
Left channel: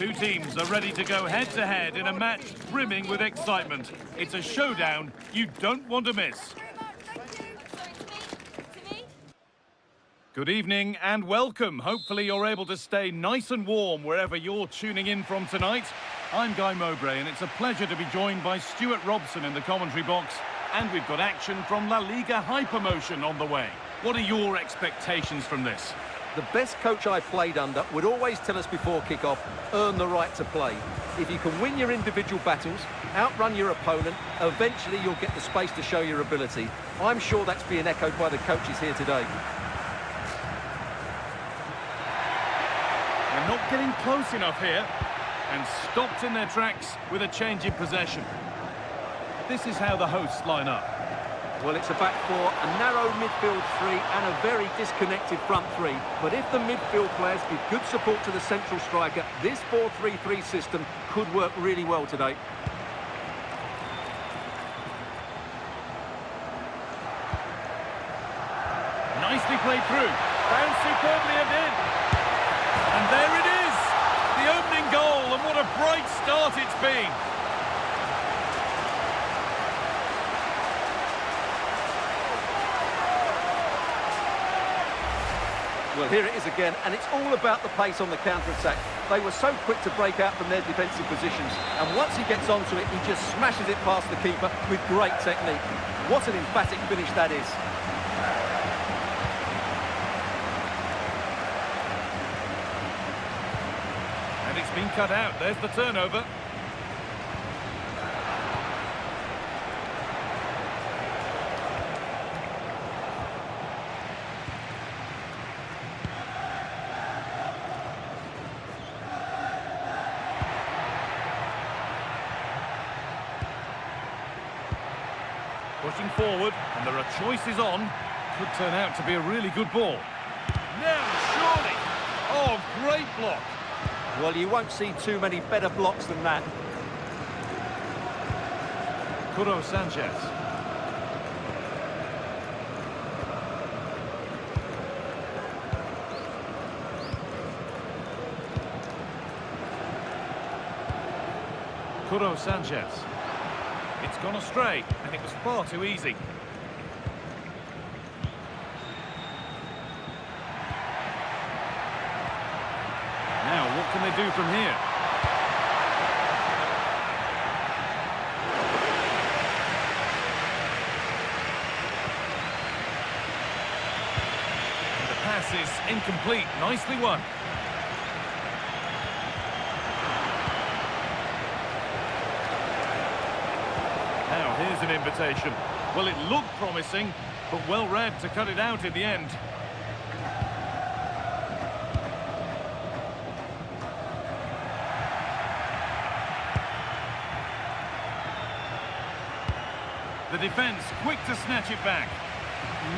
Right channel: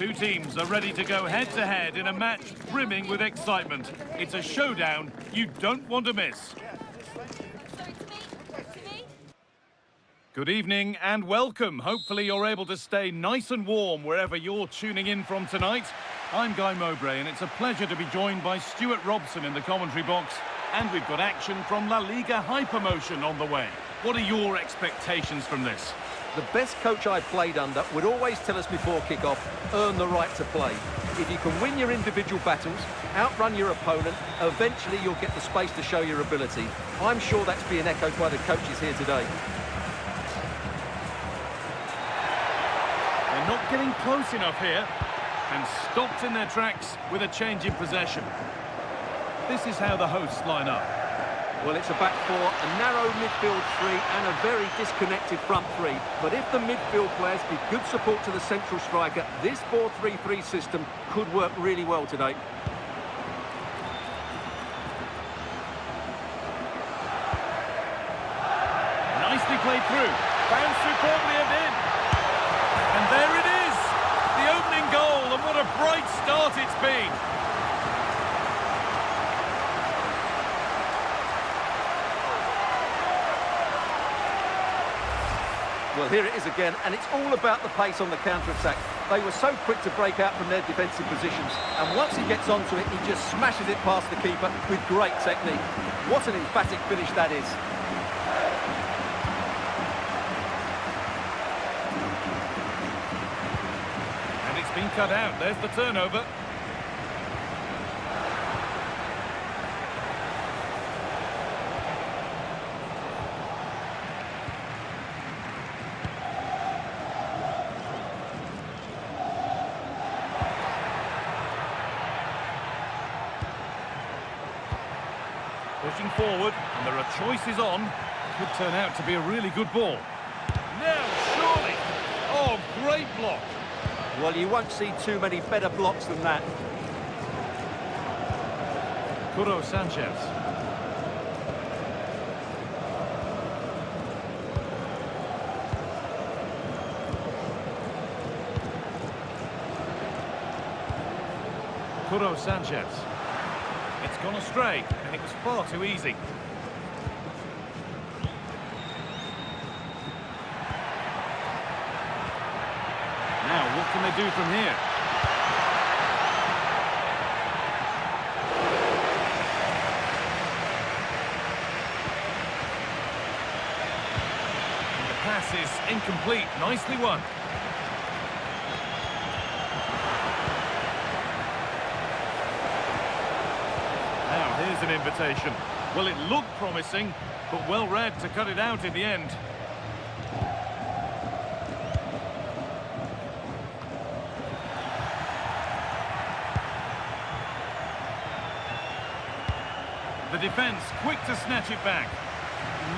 Two teams are ready to go head-to-head in a match brimming with excitement. It's a showdown you don't want to miss. Good evening and welcome. Hopefully you're able to stay nice and warm wherever you're tuning in from tonight. I'm Guy Mowbray and it's a pleasure to be joined by Stuart Robson in the commentary box. And we've got action from LaLiga Hypermotion on the way. What are your expectations from this? The best coach I played under would always tell us before kick-off, earn the right to play. If you can win your individual battles, outrun your opponent, eventually you'll get the space to show your ability. I'm sure that's being echoed by the coaches here today. They're not getting close enough here and stopped in their tracks with a change in possession. This is how the hosts line up. Well, it's a back four, a narrow midfield three and a very disconnected front three. But if the midfield players give good support to the central striker, this 4-3-3 system could work really well today. Nicely played through. Bounced superbly and in. And there it is! The opening goal, and what a bright start it's been. Well, here it is again, and it's all about the pace on the counter-attack. They were so quick to break out from their defensive positions, and once he gets onto it, he just smashes it past the keeper with great technique. What an emphatic finish that is. And it's been cut out. There's the turnover. Pushing forward, and there are choices on. Could turn out to be a really good ball. Now, surely! Oh, great block! Well, you won't see too many better blocks than that. Curo Sanchez. Curo Sanchez. It's gone astray, and it was far too easy. Now, what can they do from here? And the pass is incomplete. Nicely won. Now, here's an invitation. Well, it looked promising, but well read to cut it out in the end. The defence quick to snatch it back.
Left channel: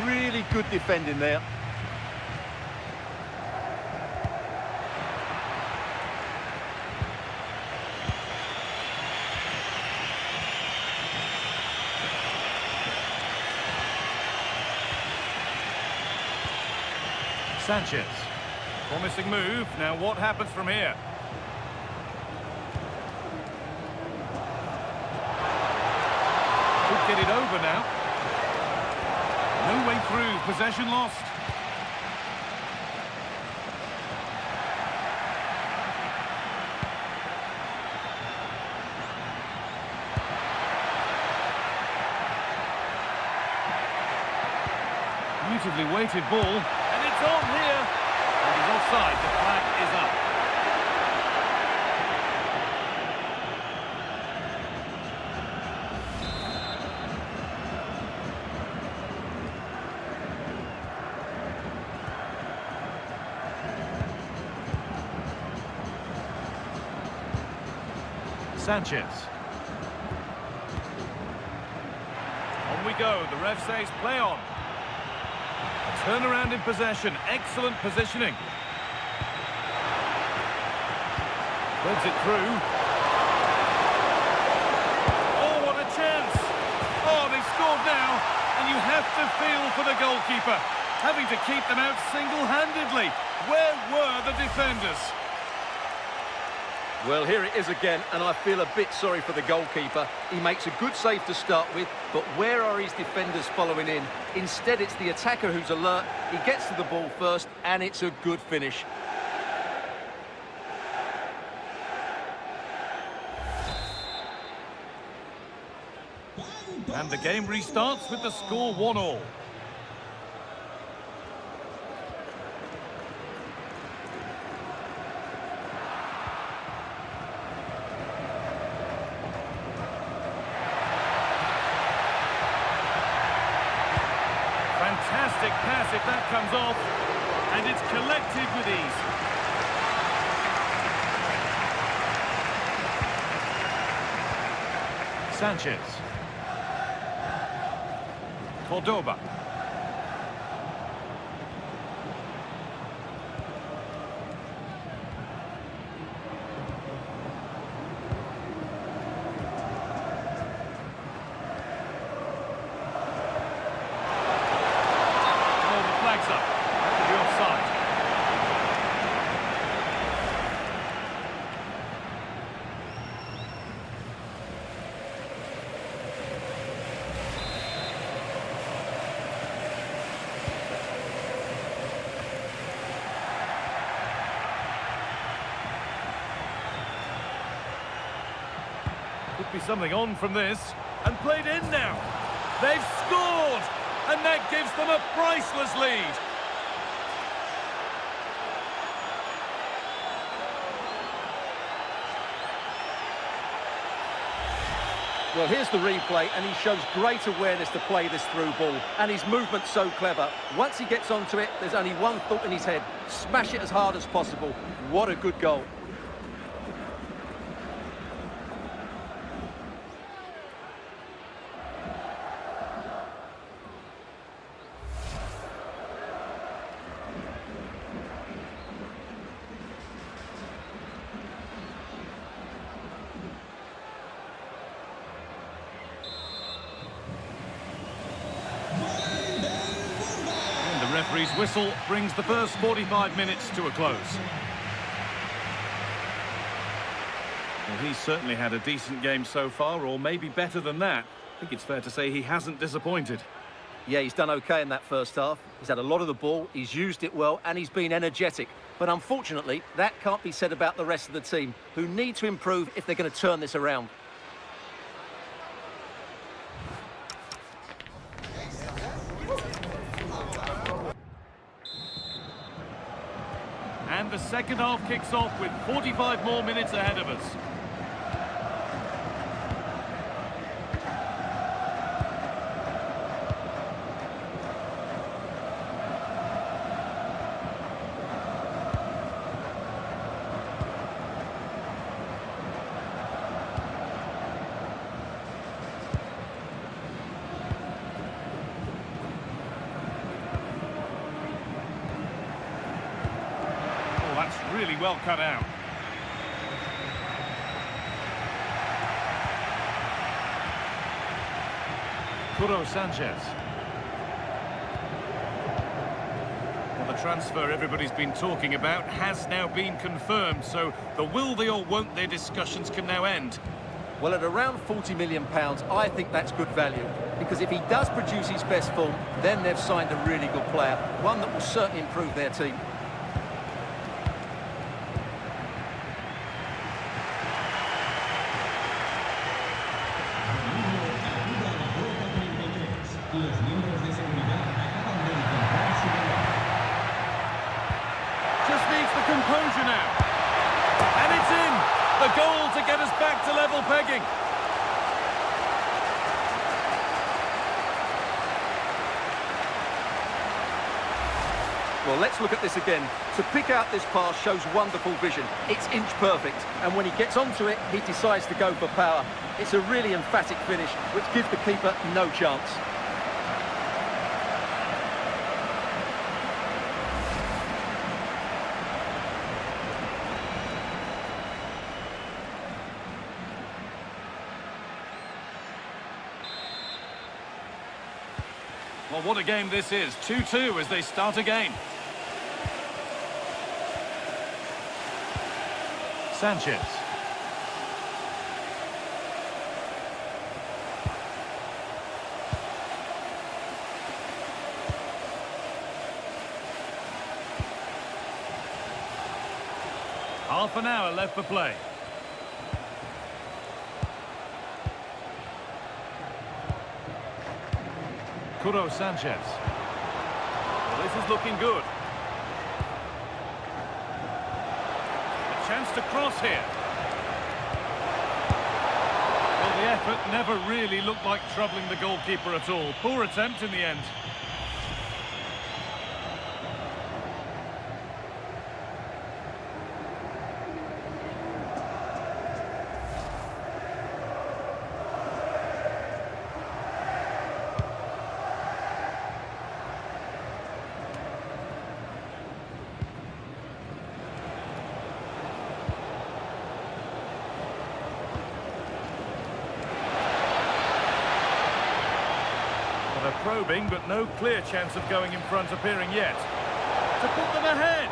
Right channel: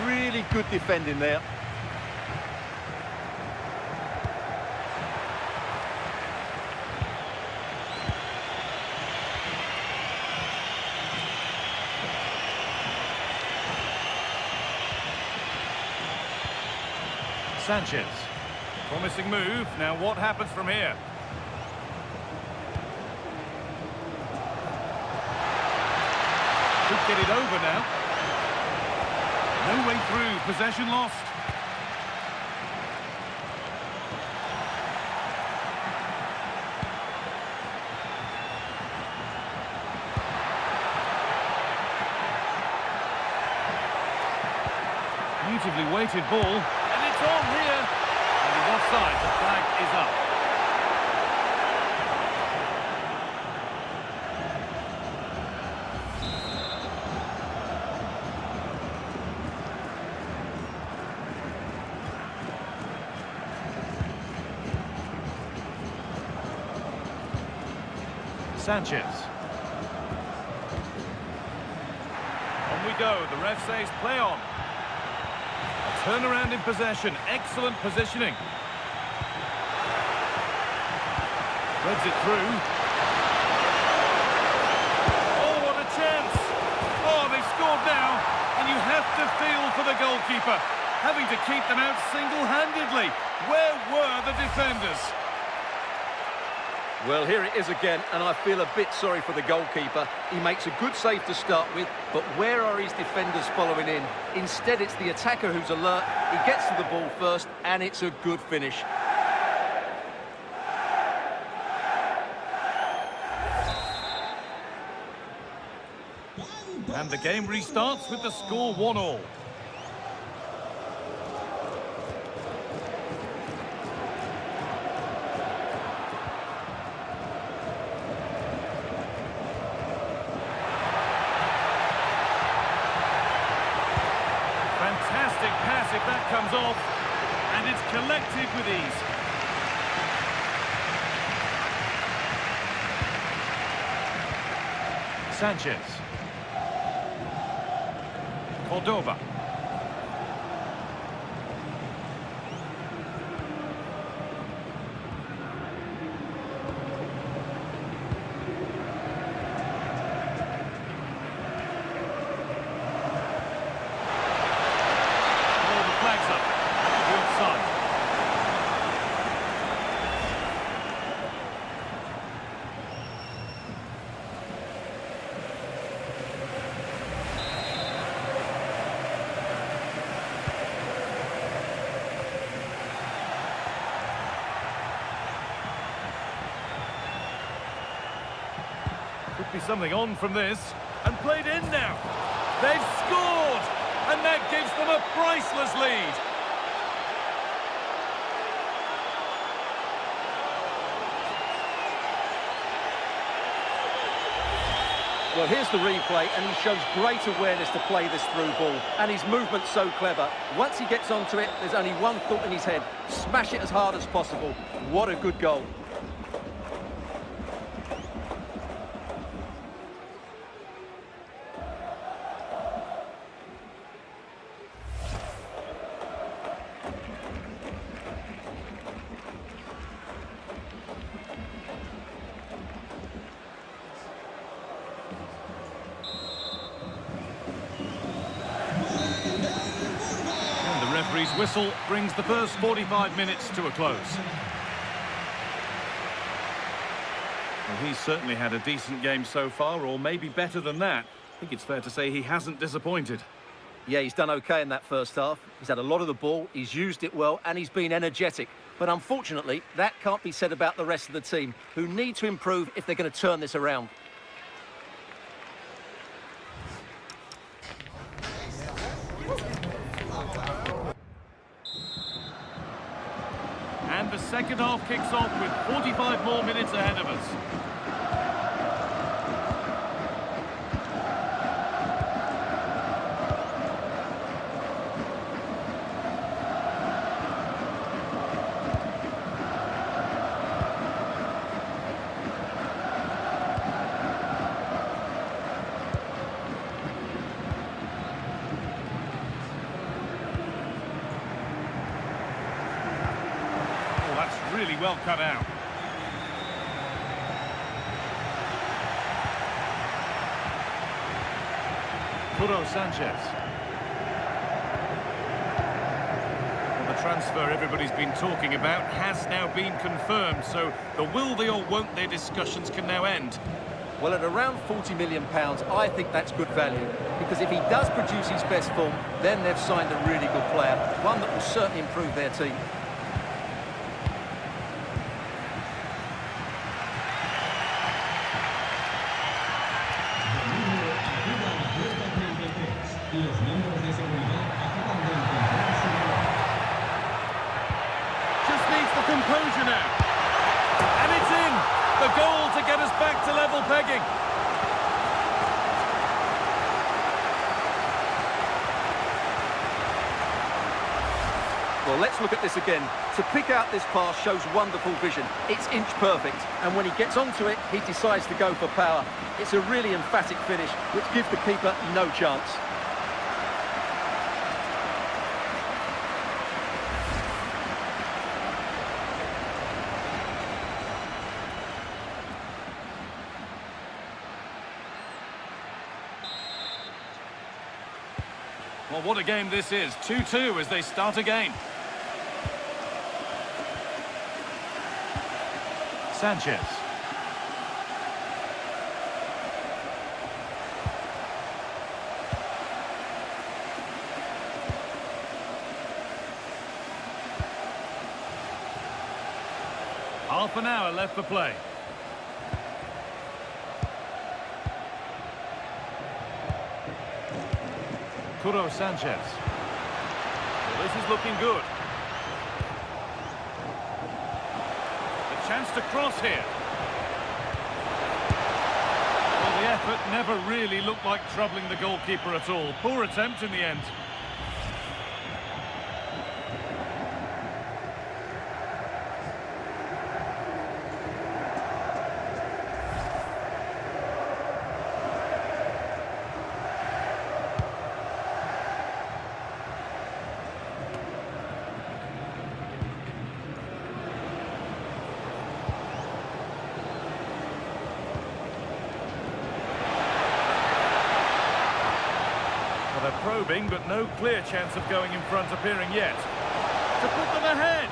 Really good defending there. Sanchez. Promising move. Now what happens from here? Could get it over now. No way through. Possession lost. Beautifully weighted ball. And it's on here. And he's offside. The flag is up. Sanchez. On we go. The ref says play on. A turnaround in possession. Excellent positioning. Threads it through. Oh, what a chance. Oh, they've scored now. And you have to feel for the goalkeeper, having to keep them out single-handedly. Where were the defenders? Well, here it is again, and I feel a bit sorry for the goalkeeper. He makes a good save to start with, but where are his defenders following in? Instead, it's the attacker who's alert. He gets to the ball first, and it's a good finish. And the game restarts with the score 1-1. Fantastic pass if that comes off, and it's collected with ease. Sanchez. Cordoba. Flags up. That could be offside. Could be something on from this. And played in now. They've scored! And that gives them a priceless lead. Well, here's the replay, and he shows great awareness to play this through ball. And his movement's so clever. Once he gets onto it, there's only one thought in his head. Smash it as hard as possible. What a good goal. The referee's whistle brings the first 45 minutes to a close. Well, he's certainly had a decent game so far, or maybe better than that. I think it's fair to say he hasn't disappointed. Yeah, he's done okay in that first half. He's had a lot of the ball, he's used it well, and he's been energetic. But unfortunately, that can't be said about the rest of the team, who need to improve if they're going to turn this around. And the second half kicks off with 45 more minutes ahead of us. That's really well cut out. Sanchez. Well, the transfer everybody's been talking about has now been confirmed, so the will they or won't they discussions can now end. Well, at around £40 million, I think that's good value, because if he does produce his best form, then they've signed a really good player, one that will certainly improve their team. Just needs the composure now. And it's in! The goal to get us back to level pegging. Well, let's look at this again. To pick out this pass shows wonderful vision. It's inch perfect. And when he gets onto it, he decides to go for power. It's a really emphatic finish, which gives the keeper no chance. Well, what a game this is. 2-2 as they start again. Sanchez. Half an hour left for play. Curo Sanchez. Well, this is looking good. A chance to cross here. Well, the effort never really looked like troubling the goalkeeper at all. Poor attempt in the end. They're probing, but no clear chance of going in front appearing yet. To put them ahead.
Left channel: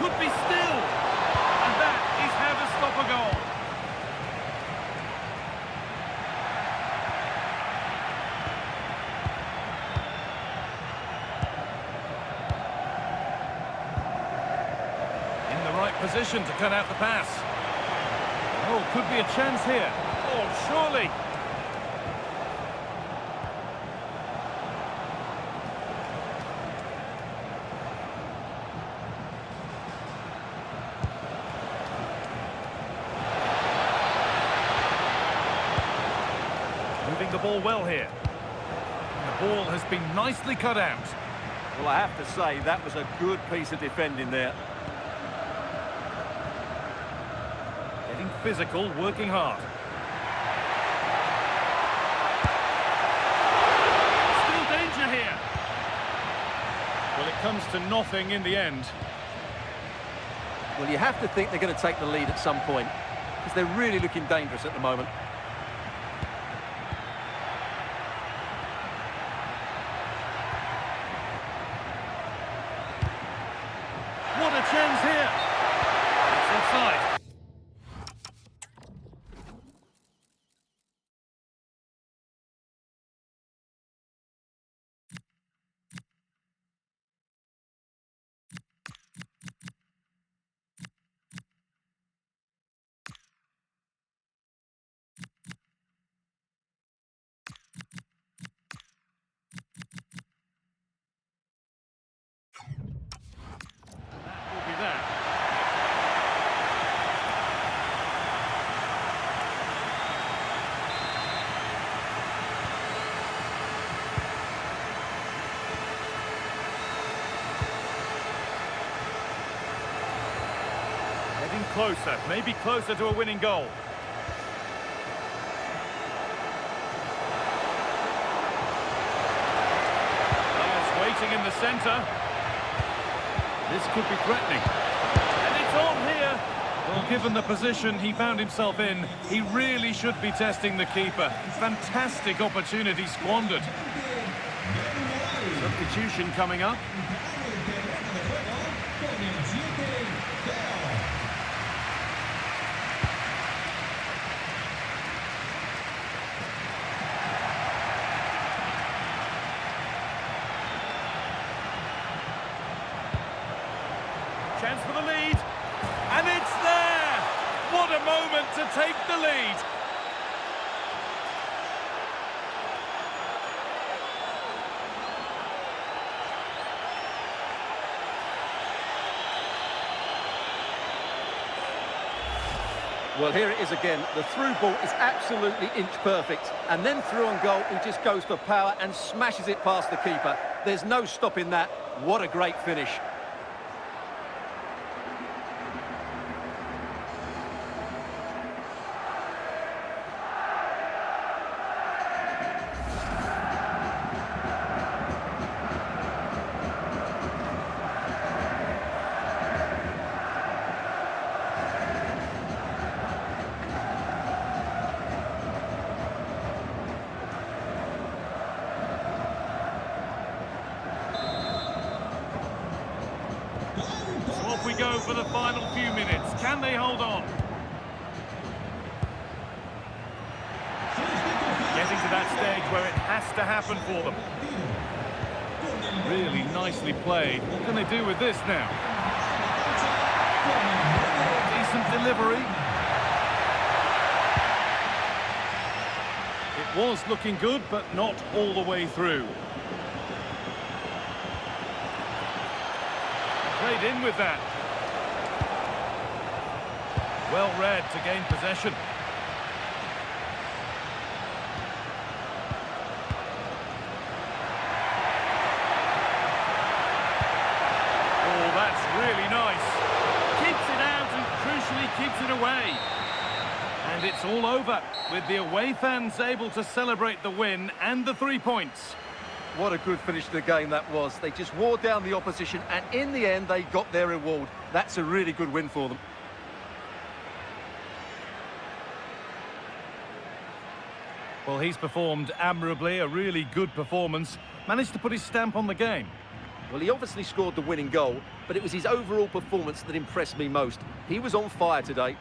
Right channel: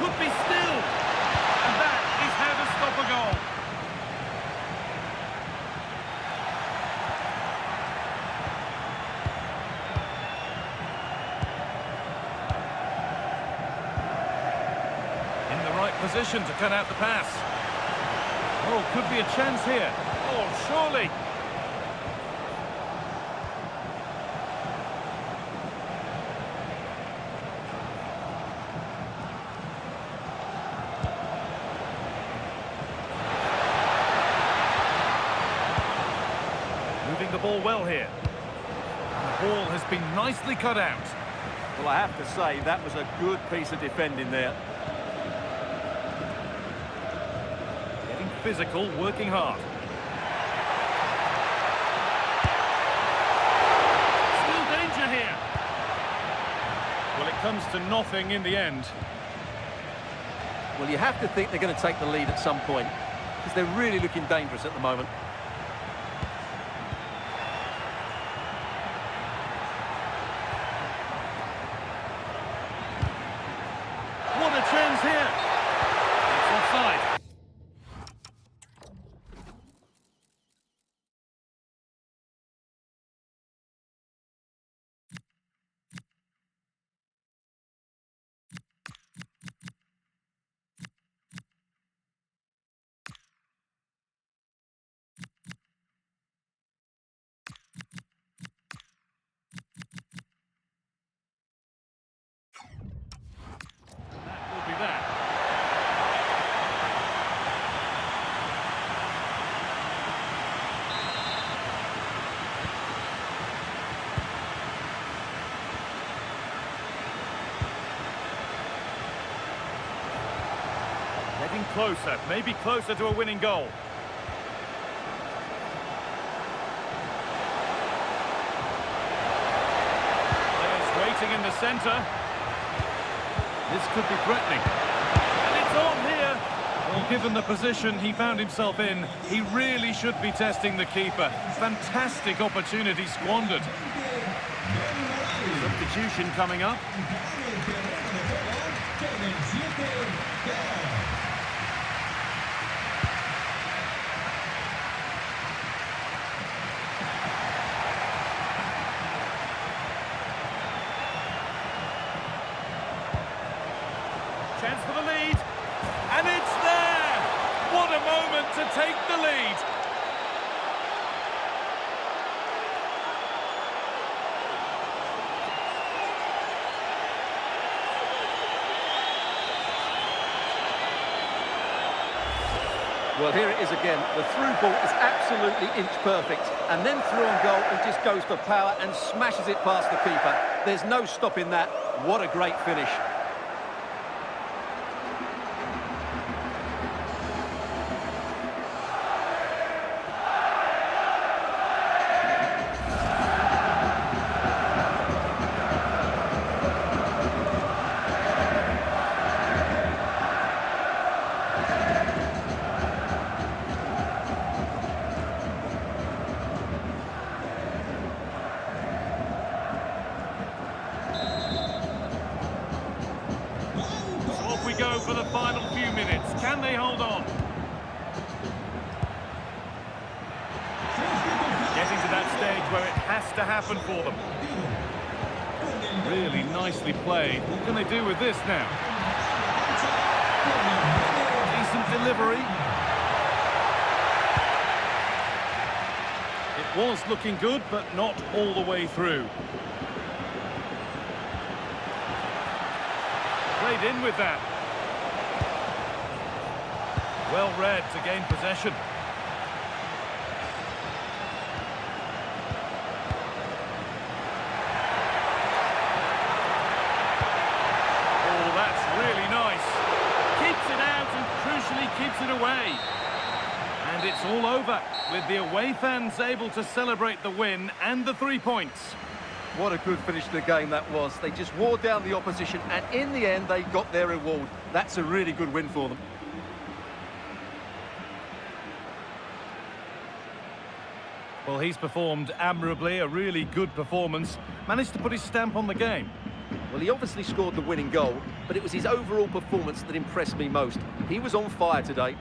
Could be still. And that is how to stop a goal. In the right position to cut out the pass. Oh, could be a chance here. Oh, surely. Moving the ball well here. And the ball has been nicely cut out. Well, I have to say, that was a good piece of defending there. Getting physical, working hard. Still danger here. Well, it comes to nothing in the end. Well, you have to think they're going to take the lead at some point, because they're really looking dangerous at the moment. What a chance here! It's offside. That will be that. Getting closer, maybe closer to a winning goal. Players waiting in the centre. This could be threatening. And it's on here. Well, given the position he found himself in, he really should be testing the keeper. Fantastic opportunity squandered. Substitution coming up. Chance for the lead, and it's there! What a moment to take the lead! Well, here it is again. The through ball is absolutely inch perfect, and then through on goal, he just goes for power and smashes it past the keeper. There's no stopping that. What a great finish. Off we go for the final few minutes. Can they hold on? Getting to that stage where it has to happen for them. Really nicely played. What can they do with this now? Decent delivery. It was looking good, but not all the way through. Played in with that. Well read to gain possession. Oh, that's really nice. Keeps it out and crucially keeps it away. And it's all over, with the away fans able to celebrate the win and the 3 points. What a good finish to the game that was. They just wore down the opposition, and in the end, they got their reward. That's a really good win for them. Well, he's performed admirably, a really good performance. Managed to put his stamp on the game. Well, he obviously scored the winning goal, but it was his overall performance that impressed me most. He was on fire today.